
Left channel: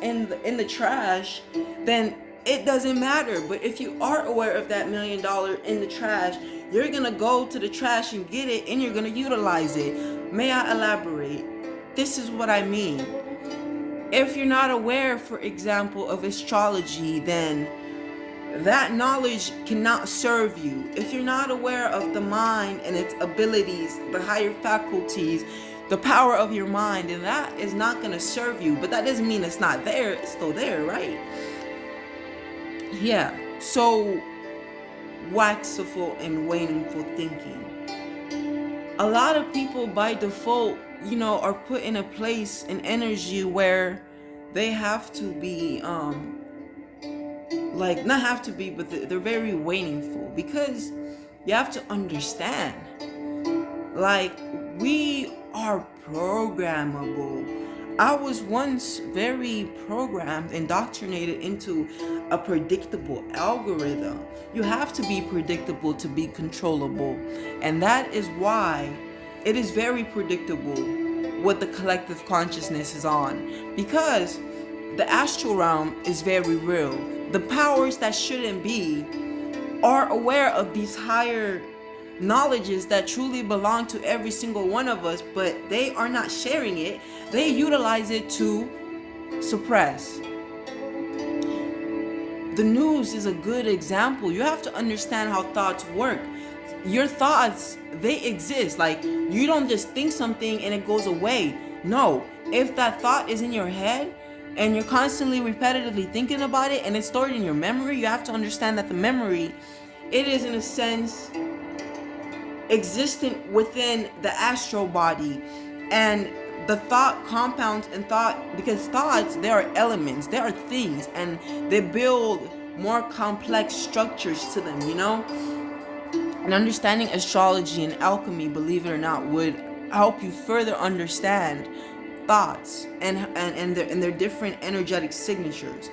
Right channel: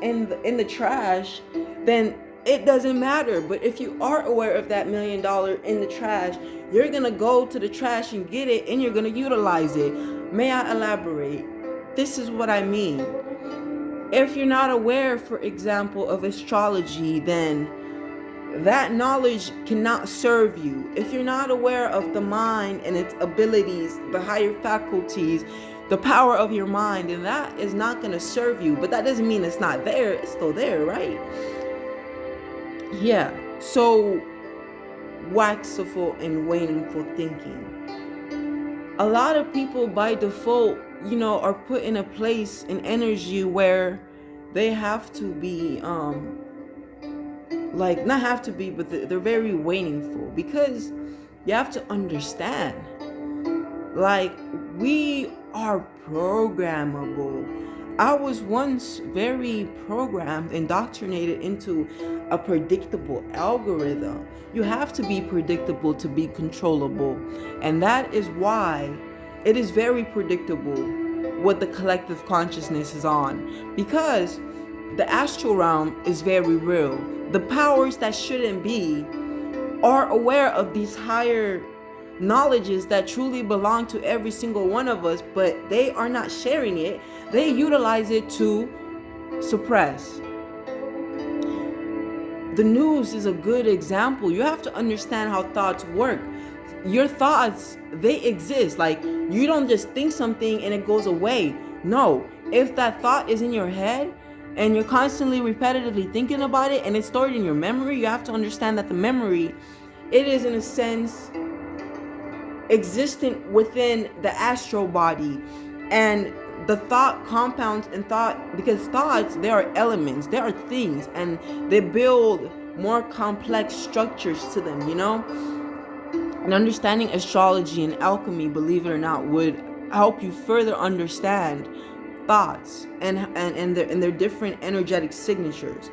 in the trash, then it doesn't matter. But if you are aware of that $1 million in the trash, you're gonna go to the trash and get it, and you're gonna utilize it. May I elaborate? This is what I mean. If you're not aware, for example, of astrology, then that knowledge cannot serve you. If you're not aware of the mind and its abilities, the higher faculties, the power of your mind, and that is not going to serve you. But that doesn't mean it's not there. It's still there, right? Yeah. So, waxful and waningful thinking. A lot of people by default, are put in a place, an energy where they have to be, not have to be, but they're very waningful, because you have to understand, we are programmable. I was once very programmed, indoctrinated into a predictable algorithm. You have to be predictable to be controllable. And that is why it is very predictable what the collective consciousness is on. Because the astral realm is very real. The powers that shouldn't be are aware of these higher knowledges that truly belong to every single one of us, but they are not sharing it. They utilize it to suppress. The news is a good example. You have to understand how thoughts work. Your thoughts, they exist. You don't just think something and it goes away. No, if that thought is in your head and you're constantly repetitively thinking about it and it's stored in your memory, you have to understand that the memory, it is in a sense existent within the astral body, and the thought compounds and thought, because thoughts, they are elements, they are things, and they build more complex structures to them, and understanding astrology and alchemy, believe it or not, would help you further understand thoughts and their different energetic signatures.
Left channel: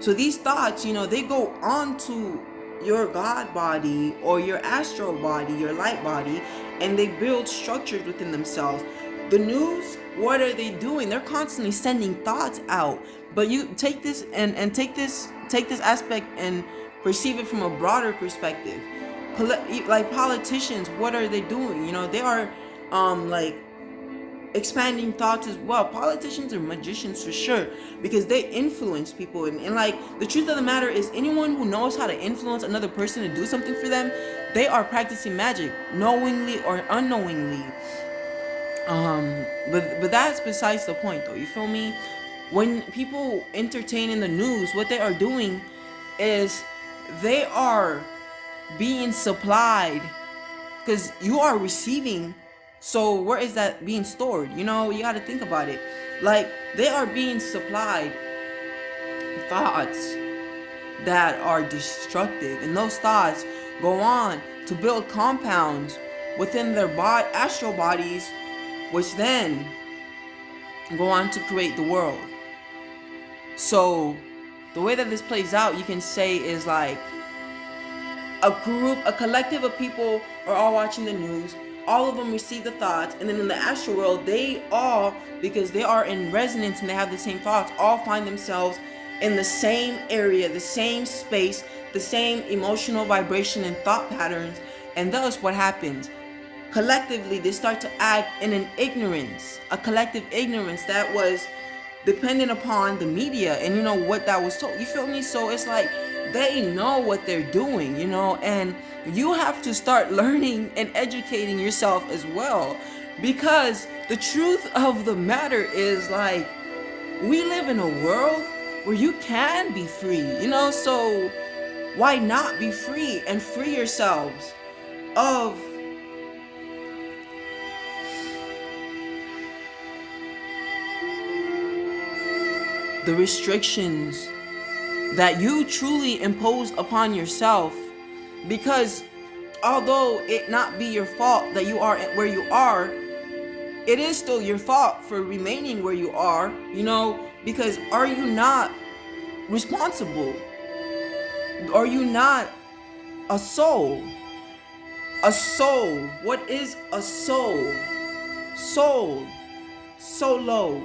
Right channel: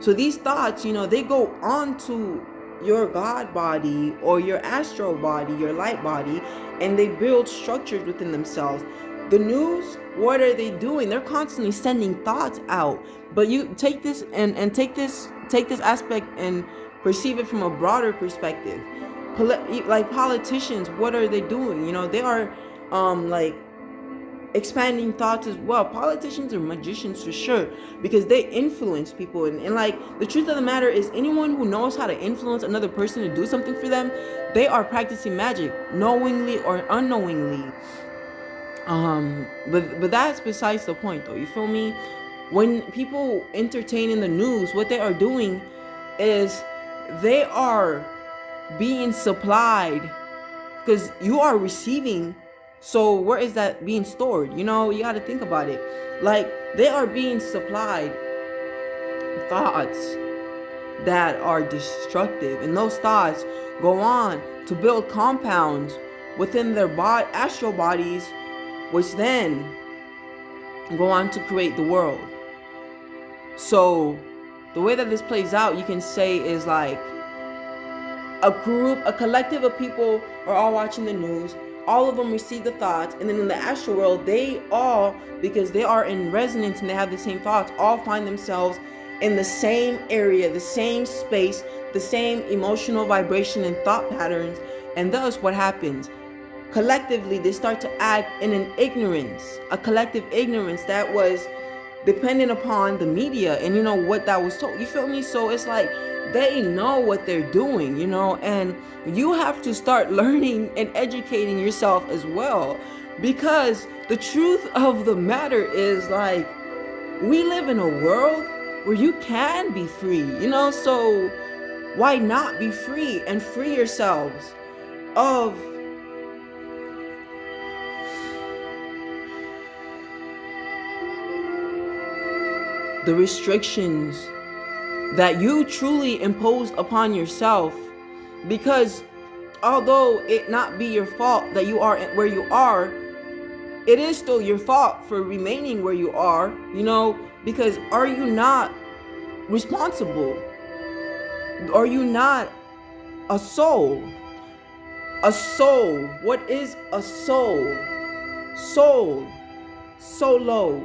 So these thoughts, they go on to your God body or your astral body, your light body, and they build structures within themselves. The news, what are they doing? They're constantly sending thoughts out. But you take this and take this aspect and perceive it from a broader perspective. Politicians, what are they doing? They are expanding thoughts as well. Politicians are magicians for sure, because they influence people, and the truth of the matter is, anyone who knows how to influence another person to do something for them, they are practicing magic, knowingly or unknowingly. But that's besides the point, though. You feel me? When people entertain in the news, what they are doing is they are being supplied, because you are receiving. So where is that being stored? You got to think about it. They are being supplied thoughts that are destructive, and those thoughts go on to build compounds within their astral bodies, which then go on to create the world. So the way that this plays out, you can say, is like a collective of people are all watching the news. All of them receive the thoughts, and then in the astral world, they all, because they are in resonance and they have the same thoughts, all find themselves in the same area, the same space, the same emotional vibration and thought patterns. And thus what happens? Collectively, they start to act in an ignorance, a collective ignorance that was dependent upon the media and what that was told. You feel me? So it's like they know what they're doing, and you have to start learning and educating yourself as well, because the truth of the matter is, like, we live in a world where you can be free, so why not be free and free yourselves of the restrictions that you truly imposed upon yourself? Because although it not be your fault that you are where you are, it is still your fault for remaining where you are, because are you not responsible? Are you not a soul? A soul. What is a soul? Soul. Solo.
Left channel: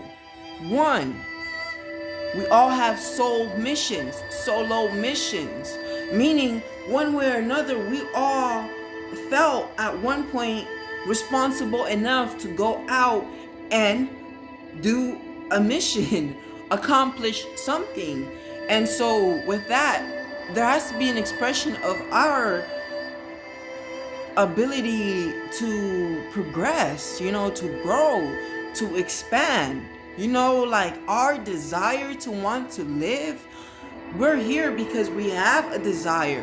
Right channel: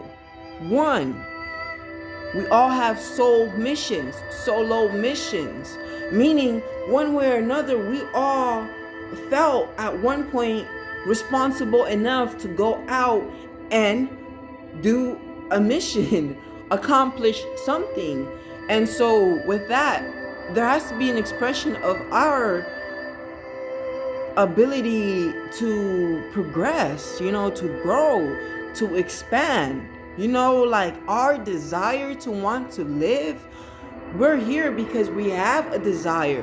One. We all have soul missions, solo missions, meaning one way or another, we all felt at one point responsible enough to go out and do a mission, accomplish something. And so with that, there has to be an expression of our ability to progress, to grow, to expand. Like our desire to want to live. We're here because we have a desire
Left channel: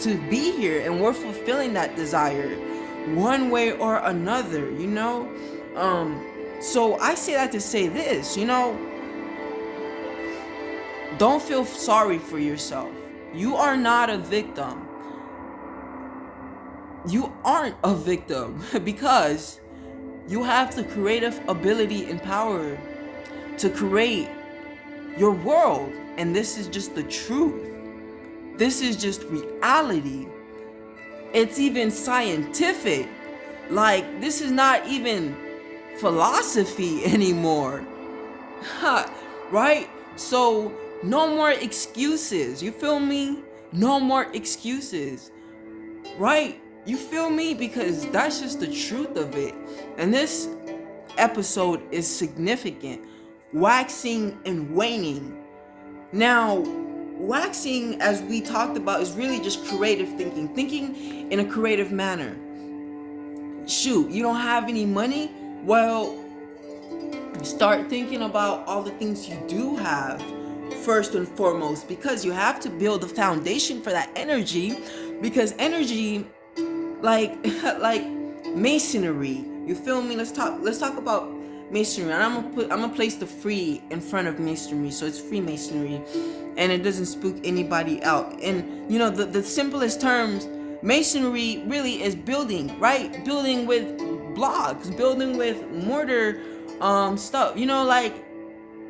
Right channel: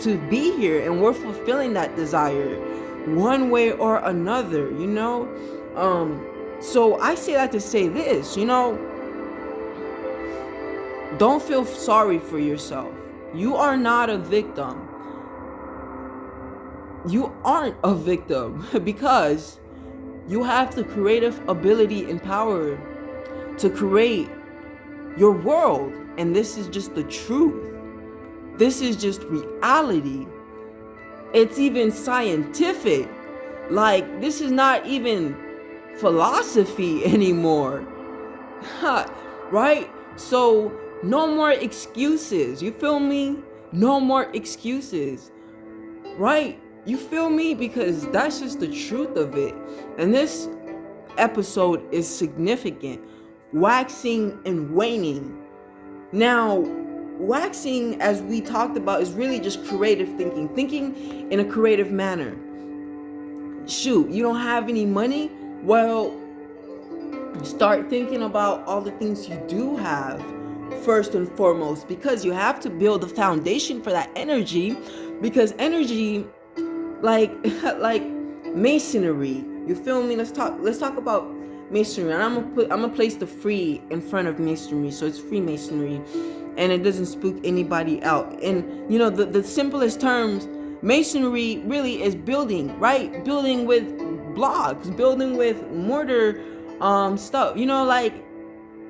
to be here, and we're fulfilling that desire one way or another, So I say that to say this, don't feel sorry for yourself. You are not a victim. You aren't a victim because you have the creative ability and power to create your world. And this is just the truth. This is just reality. It's even scientific. Like, this is not even philosophy anymore. Right? So, no more excuses. You feel me? No more excuses. Right? You feel me? Because that's just the truth of it. And this episode is significant. Waxing and waning. Now, waxing, as we talked about, is really just creative thinking in a creative manner. Shoot, you don't have any money? Well, start thinking about all the things you do have first and foremost, because you have to build a foundation for that energy, because energy, like masonry, you feel me? Let's talk about masonry, and I'm gonna place the free in front of masonry, so it's Freemasonry, and it doesn't spook anybody out. And the simplest terms, masonry really is building, right? Building with blocks, building with mortar, stuff. Like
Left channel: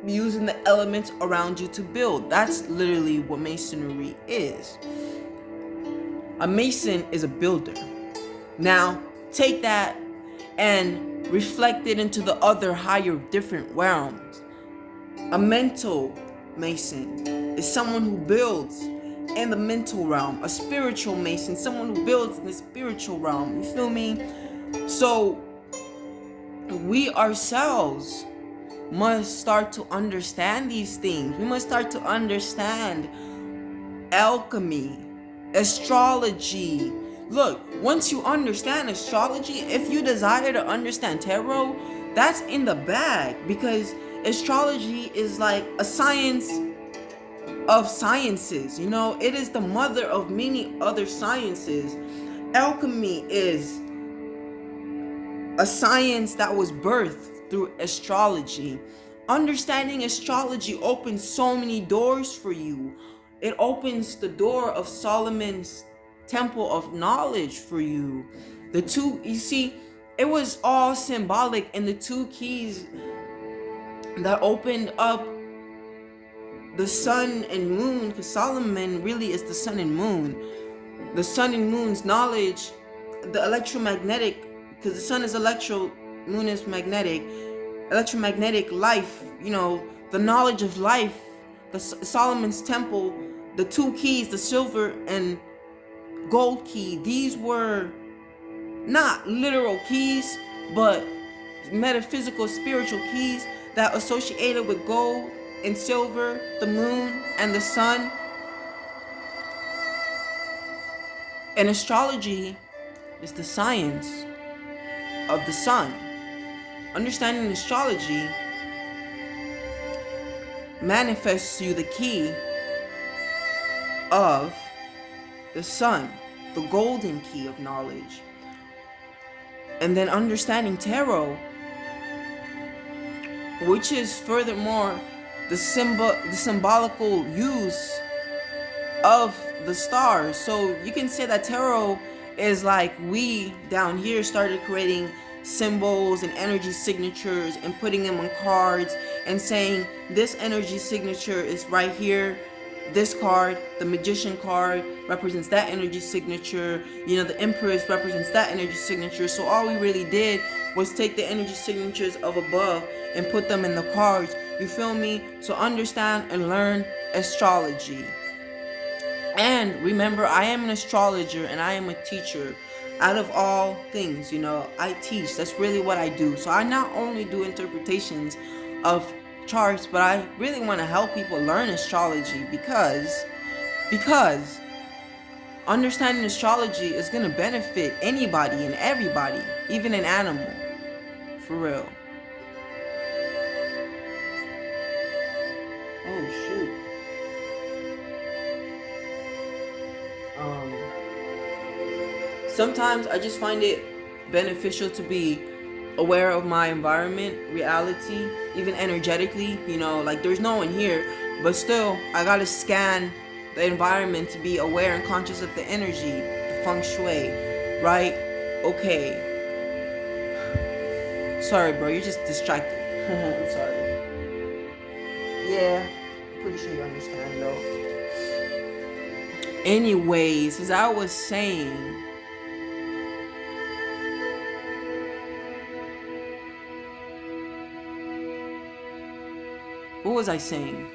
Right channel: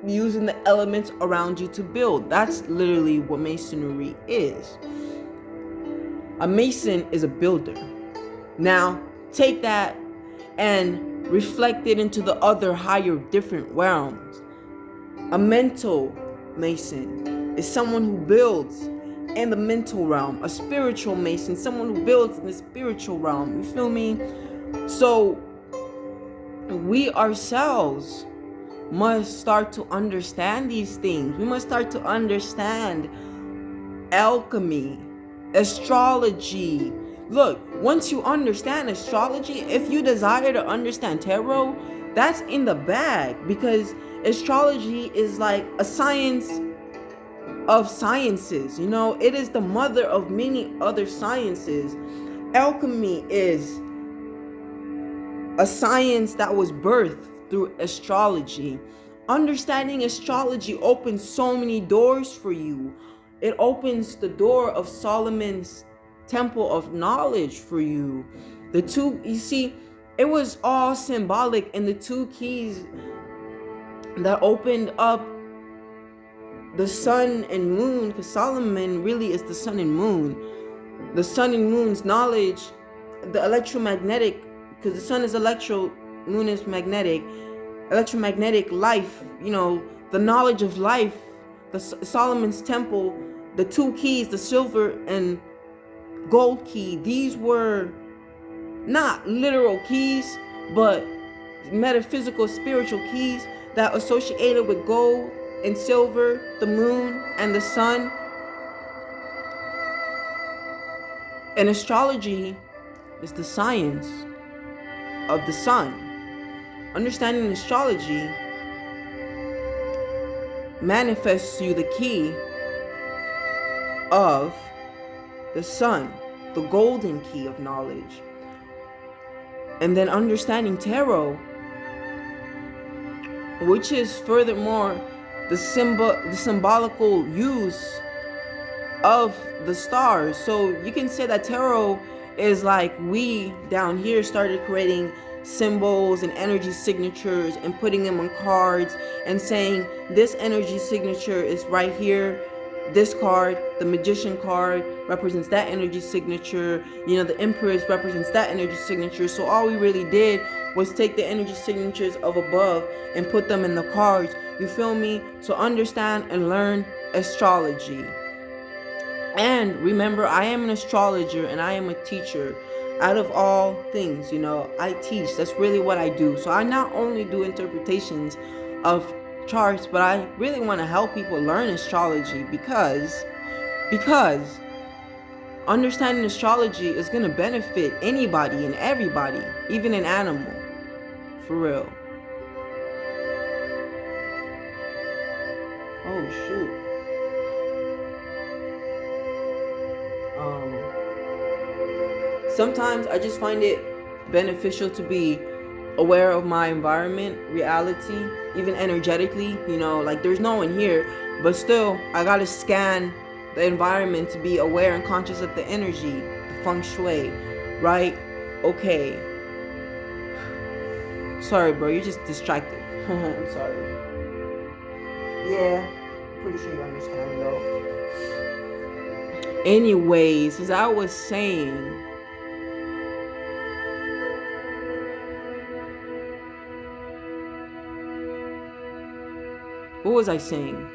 using the elements around you to build. That's literally what masonry is. A mason is a builder. Now take that and reflect it into the other higher different realms. A mental mason is someone who builds in the mental realm. A spiritual mason, someone who builds in the spiritual realm. You feel me? So we ourselves must start to understand these things. We must start to understand alchemy, astrology. Look, once you understand astrology, if you desire to understand tarot, that's in the bag, because astrology is like a science of sciences. It is the mother of many other sciences. Alchemy is a science that was birthed through astrology. Understanding astrology opens so many doors for you. It opens the door of Solomon's temple of knowledge for you. You see, it was all symbolic, and the two keys that opened up the sun and moon, because Solomon really is the sun and moon. The sun and moon's knowledge, the electromagnetic, because the sun is electro, moon is magnetic, electromagnetic life, the knowledge of life, the Solomon's temple, the two keys, the silver and gold key, these were not literal keys, but metaphysical, spiritual keys that associated with gold and silver, the moon and the sun. And astrology is the science of the sun. Understanding astrology manifests you the key of the sun, the golden key of knowledge. And then understanding tarot, which is furthermore the symbolical use of the stars. So you can say that tarot is like we down here started creating symbols and energy signatures and putting them on cards and saying this energy signature is right here. This card, the magician card, represents that energy signature. The Empress represents that energy signature. So all we really did was take the energy signatures of above and put them in the cards. You feel me? So understand and learn astrology. And remember, I am an astrologer and I am a teacher. Out of all things, I teach. That's really what I do. So I not only do interpretations of charts, but I really want to help people learn astrology because understanding astrology is going to benefit anybody and everybody, even an animal. For real. Oh, shoot. Sometimes I just find it beneficial to be aware of my environment, reality, even energetically. Like there's no one here, but still I gotta scan the environment to be aware and conscious of the energy, the feng shui, right? Okay. Sorry, bro, you're just distracted. I'm sorry. Yeah, pretty sure you understand though. Anyways, as I was saying, what was I saying?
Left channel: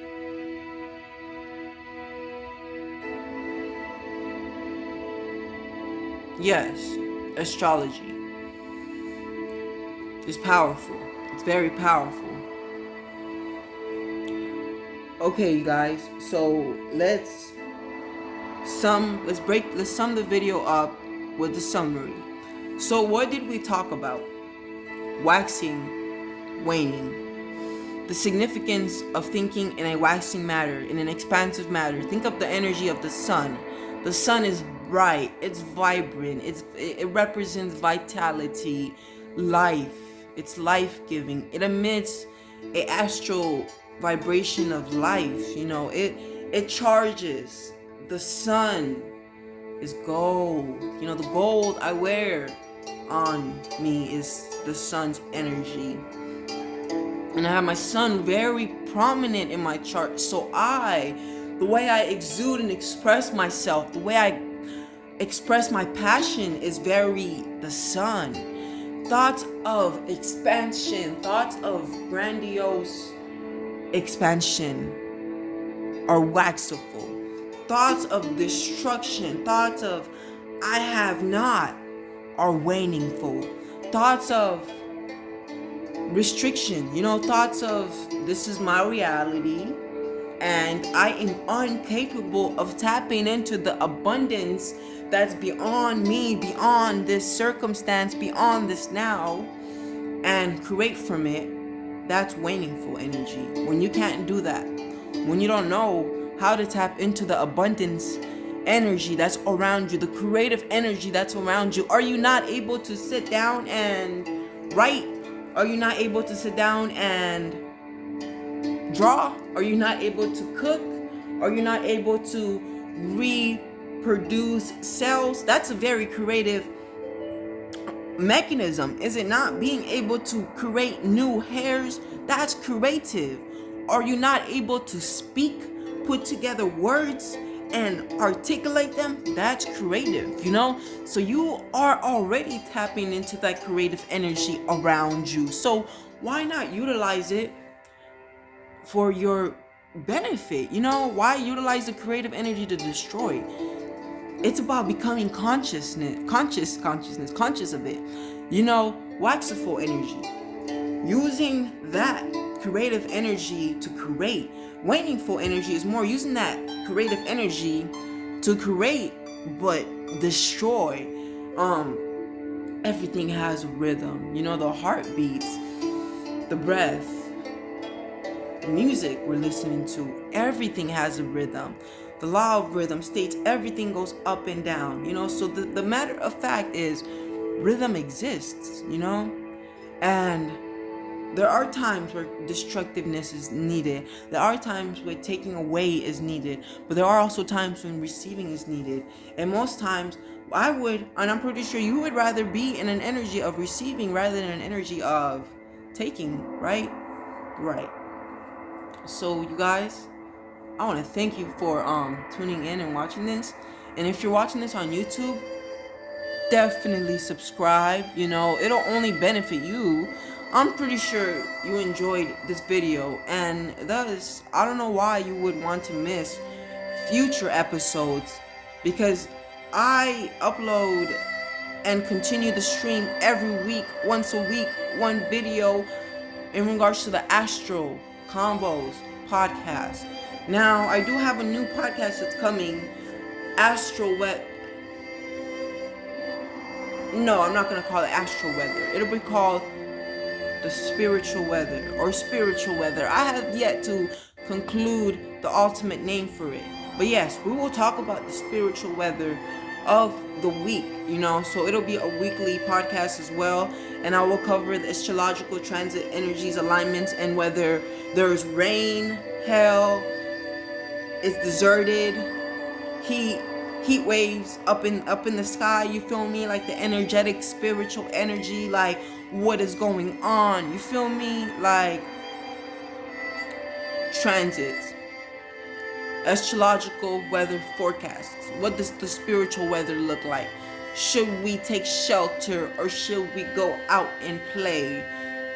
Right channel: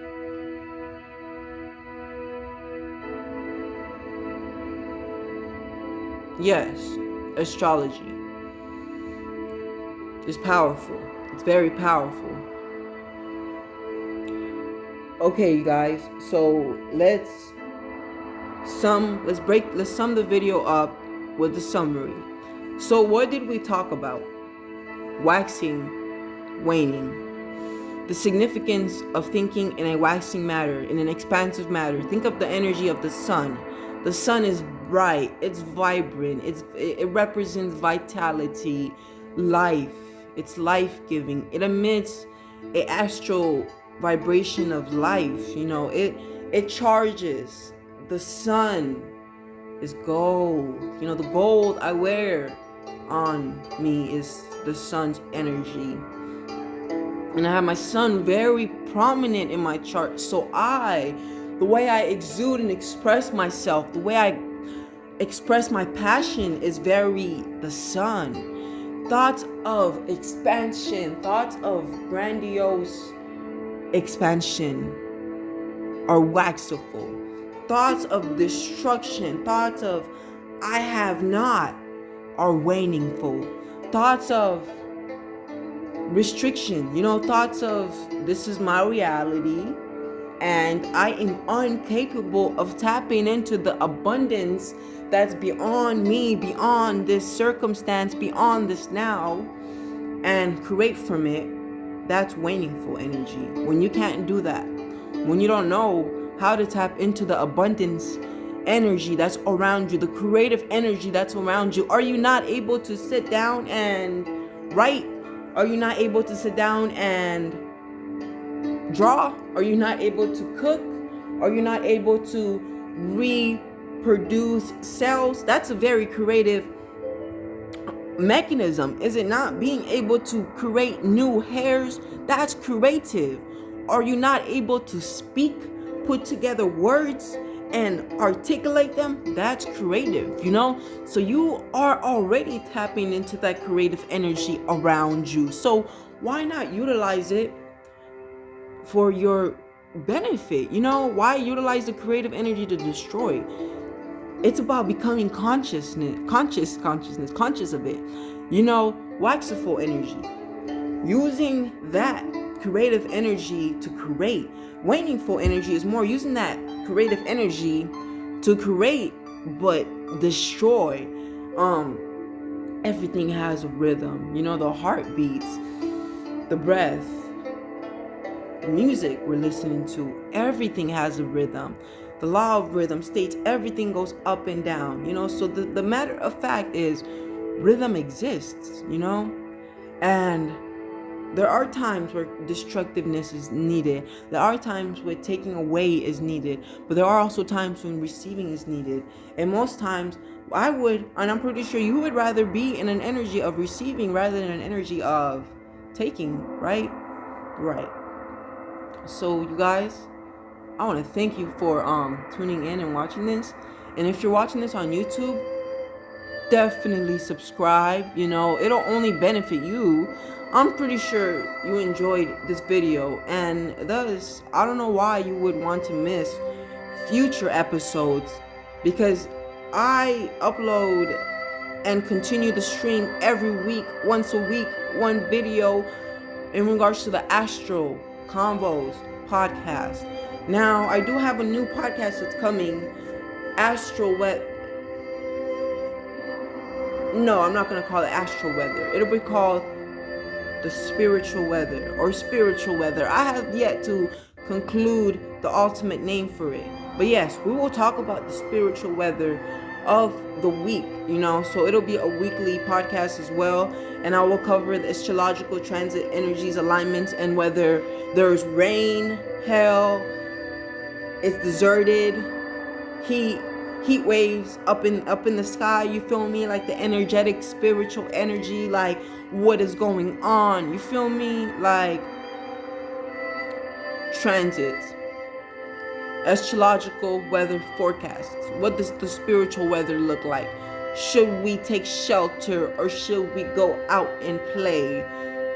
Yes, astrology is powerful. It's very powerful. Okay, you guys. So let's sum the video up with the summary. So what did we talk about? Waxing, waning. The significance of thinking in a waxing matter, in an expansive matter. Think of the energy of the sun. The sun is bright, it's vibrant, it represents vitality, life, it's life-giving. It emits an astral vibration of life, it charges. The sun is gold. The gold I wear on me is the sun's energy. And I have my sun very prominent in my chart. So the way I exude and express myself, the way I express my passion is very the sun. Thoughts of expansion, thoughts of grandiose expansion are waxful. Thoughts of destruction, thoughts of I have not are waningful. Thoughts of restriction, thoughts of this is my reality and I am incapable of tapping into the abundance that's beyond me, beyond this circumstance, beyond this now, and create from it. That's waningful energy. When you can't do that, when you don't know how to tap into the abundance energy that's around you, the creative energy that's around you, are you not able to sit down and write? Are you not able to sit down and draw? Are you not able to cook? Are you not able to reproduce cells? That's a very creative mechanism, is it not? Being able to create new hairs, that's creative. Are you not able to speak, put together words and articulate them? That's creative, so you are already tapping into that creative energy around you. So why not utilize it for your benefit? Why utilize the creative energy to destroy? It's about becoming conscious of it. Waxiful energy. Using that creative energy to create. Waningful energy is more using that creative energy to create but destroy. Everything has a rhythm. The heartbeats, the breath, the music we're listening to, everything has a rhythm. The law of rhythm states everything goes up and down, so the matter of fact is rhythm exists, and there are times where destructiveness is needed. There are times where taking away is needed, but there are also times when receiving is needed. And most times I would, and I'm pretty sure you would rather be in an energy of receiving rather than an energy of taking, right? Right. So you guys, I want to thank you for tuning in and watching this. And if you're watching this on YouTube, definitely subscribe. It'll only benefit you. I'm pretty sure you enjoyed this video, and thus I don't know why you would want to miss future episodes, because I upload and continue to stream every week, once a week, one video in regards to the Astral Convos podcast. Now, I do have a new podcast that's coming, Astral Wet. No, I'm not going to call it Astral Weather. It'll be called The Spiritual Weather or Spiritual Weather. I have yet to conclude the ultimate name for it. But yes, we will talk about the spiritual weather of the week, so it'll be a weekly podcast as well. And I will cover the astrological transit energies, alignments, and whether there's rain, hail, it's deserted, heat waves up in the sky, you feel me? Like the energetic spiritual energy, like what is going on, you feel me? Like transits, astrological weather forecasts. What does the spiritual weather look like? Should we take shelter or should we go out and play?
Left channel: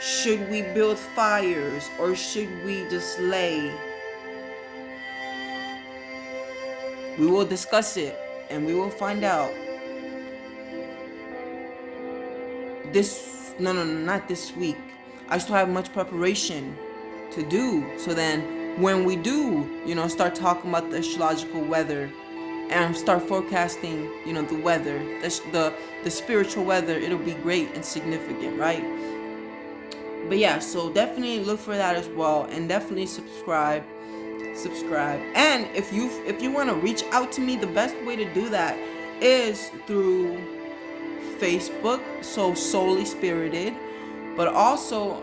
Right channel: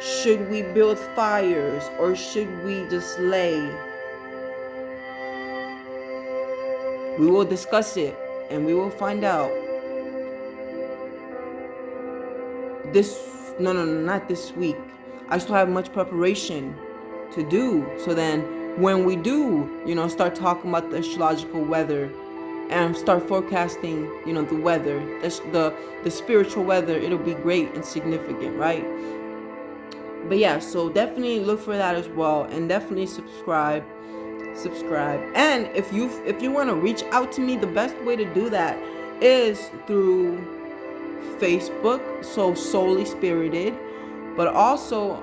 Should we build fires or should we just lay? We will discuss it and we will find out. Not this week. I still have much preparation to do. So then when we do, start talking about the astrological weather and start forecasting, the weather, the spiritual weather, it'll be great and significant, right? But yeah, so definitely look for that as well, and definitely subscribe. And if you want to reach out to me, the best way to do that is through Facebook, so Solely Spirited, but also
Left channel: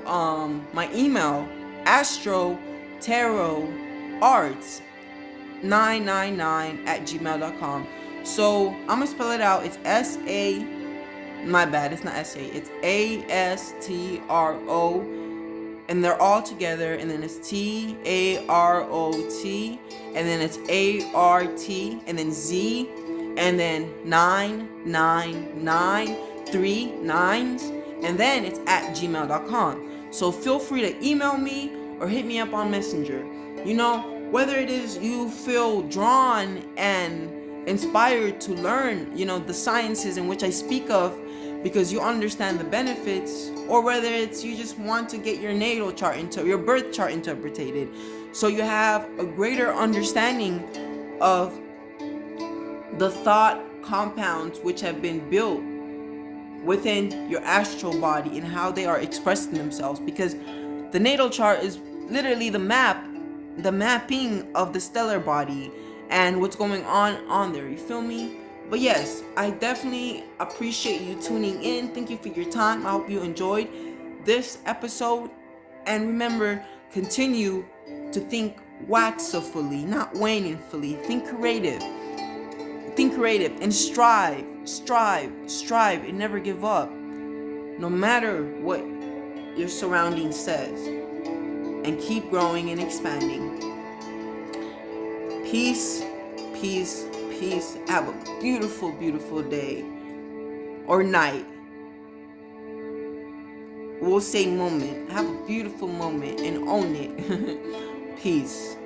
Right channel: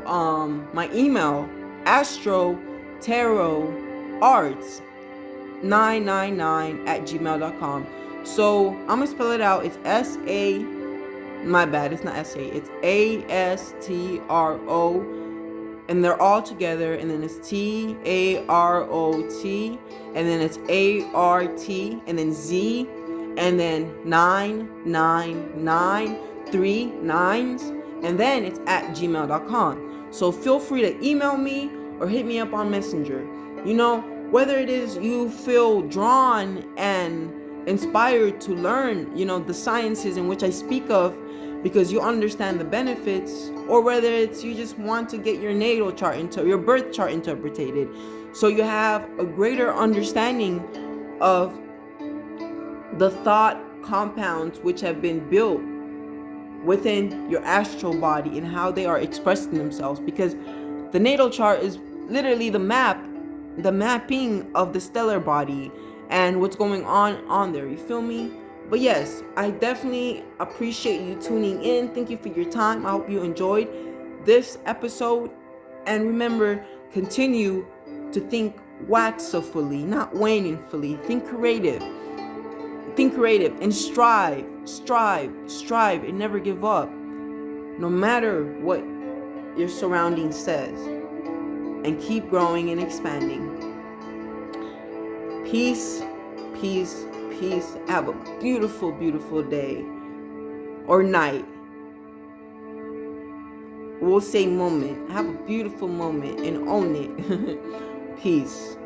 my email, astrotarot999@gmail.com. So I'm gonna spell it out. It's S-A, my bad, it's not S-A, it's A-S-T-R-O, and they're all together, and then it's T-A-R-O-T, and then it's A-R-T, and then Z, and then 999, 3 9s, and then it's @gmail.com. So feel free to email me or hit me up on Messenger. Whether it is you feel drawn and inspired to learn, the sciences in which I speak of, because you understand the benefits, or whether it's you just want to get your natal chart your birth chart interpreted, so you have a greater understanding of the thought compounds which have been built within your astral body and how they are expressing themselves, because the natal chart is literally the mapping of the stellar body and what's going on there, you feel me? But yes, I definitely appreciate you tuning in. Thank you for your time. I hope you enjoyed this episode, and remember, continue to think waxfully, not waningfully. Think creative. Think creative and strive, and never give up. No matter what your surroundings says. And keep growing and expanding. Peace, peace, peace. Have a beautiful, beautiful day or night. We'll say moment. Have a beautiful moment and own it. Peace.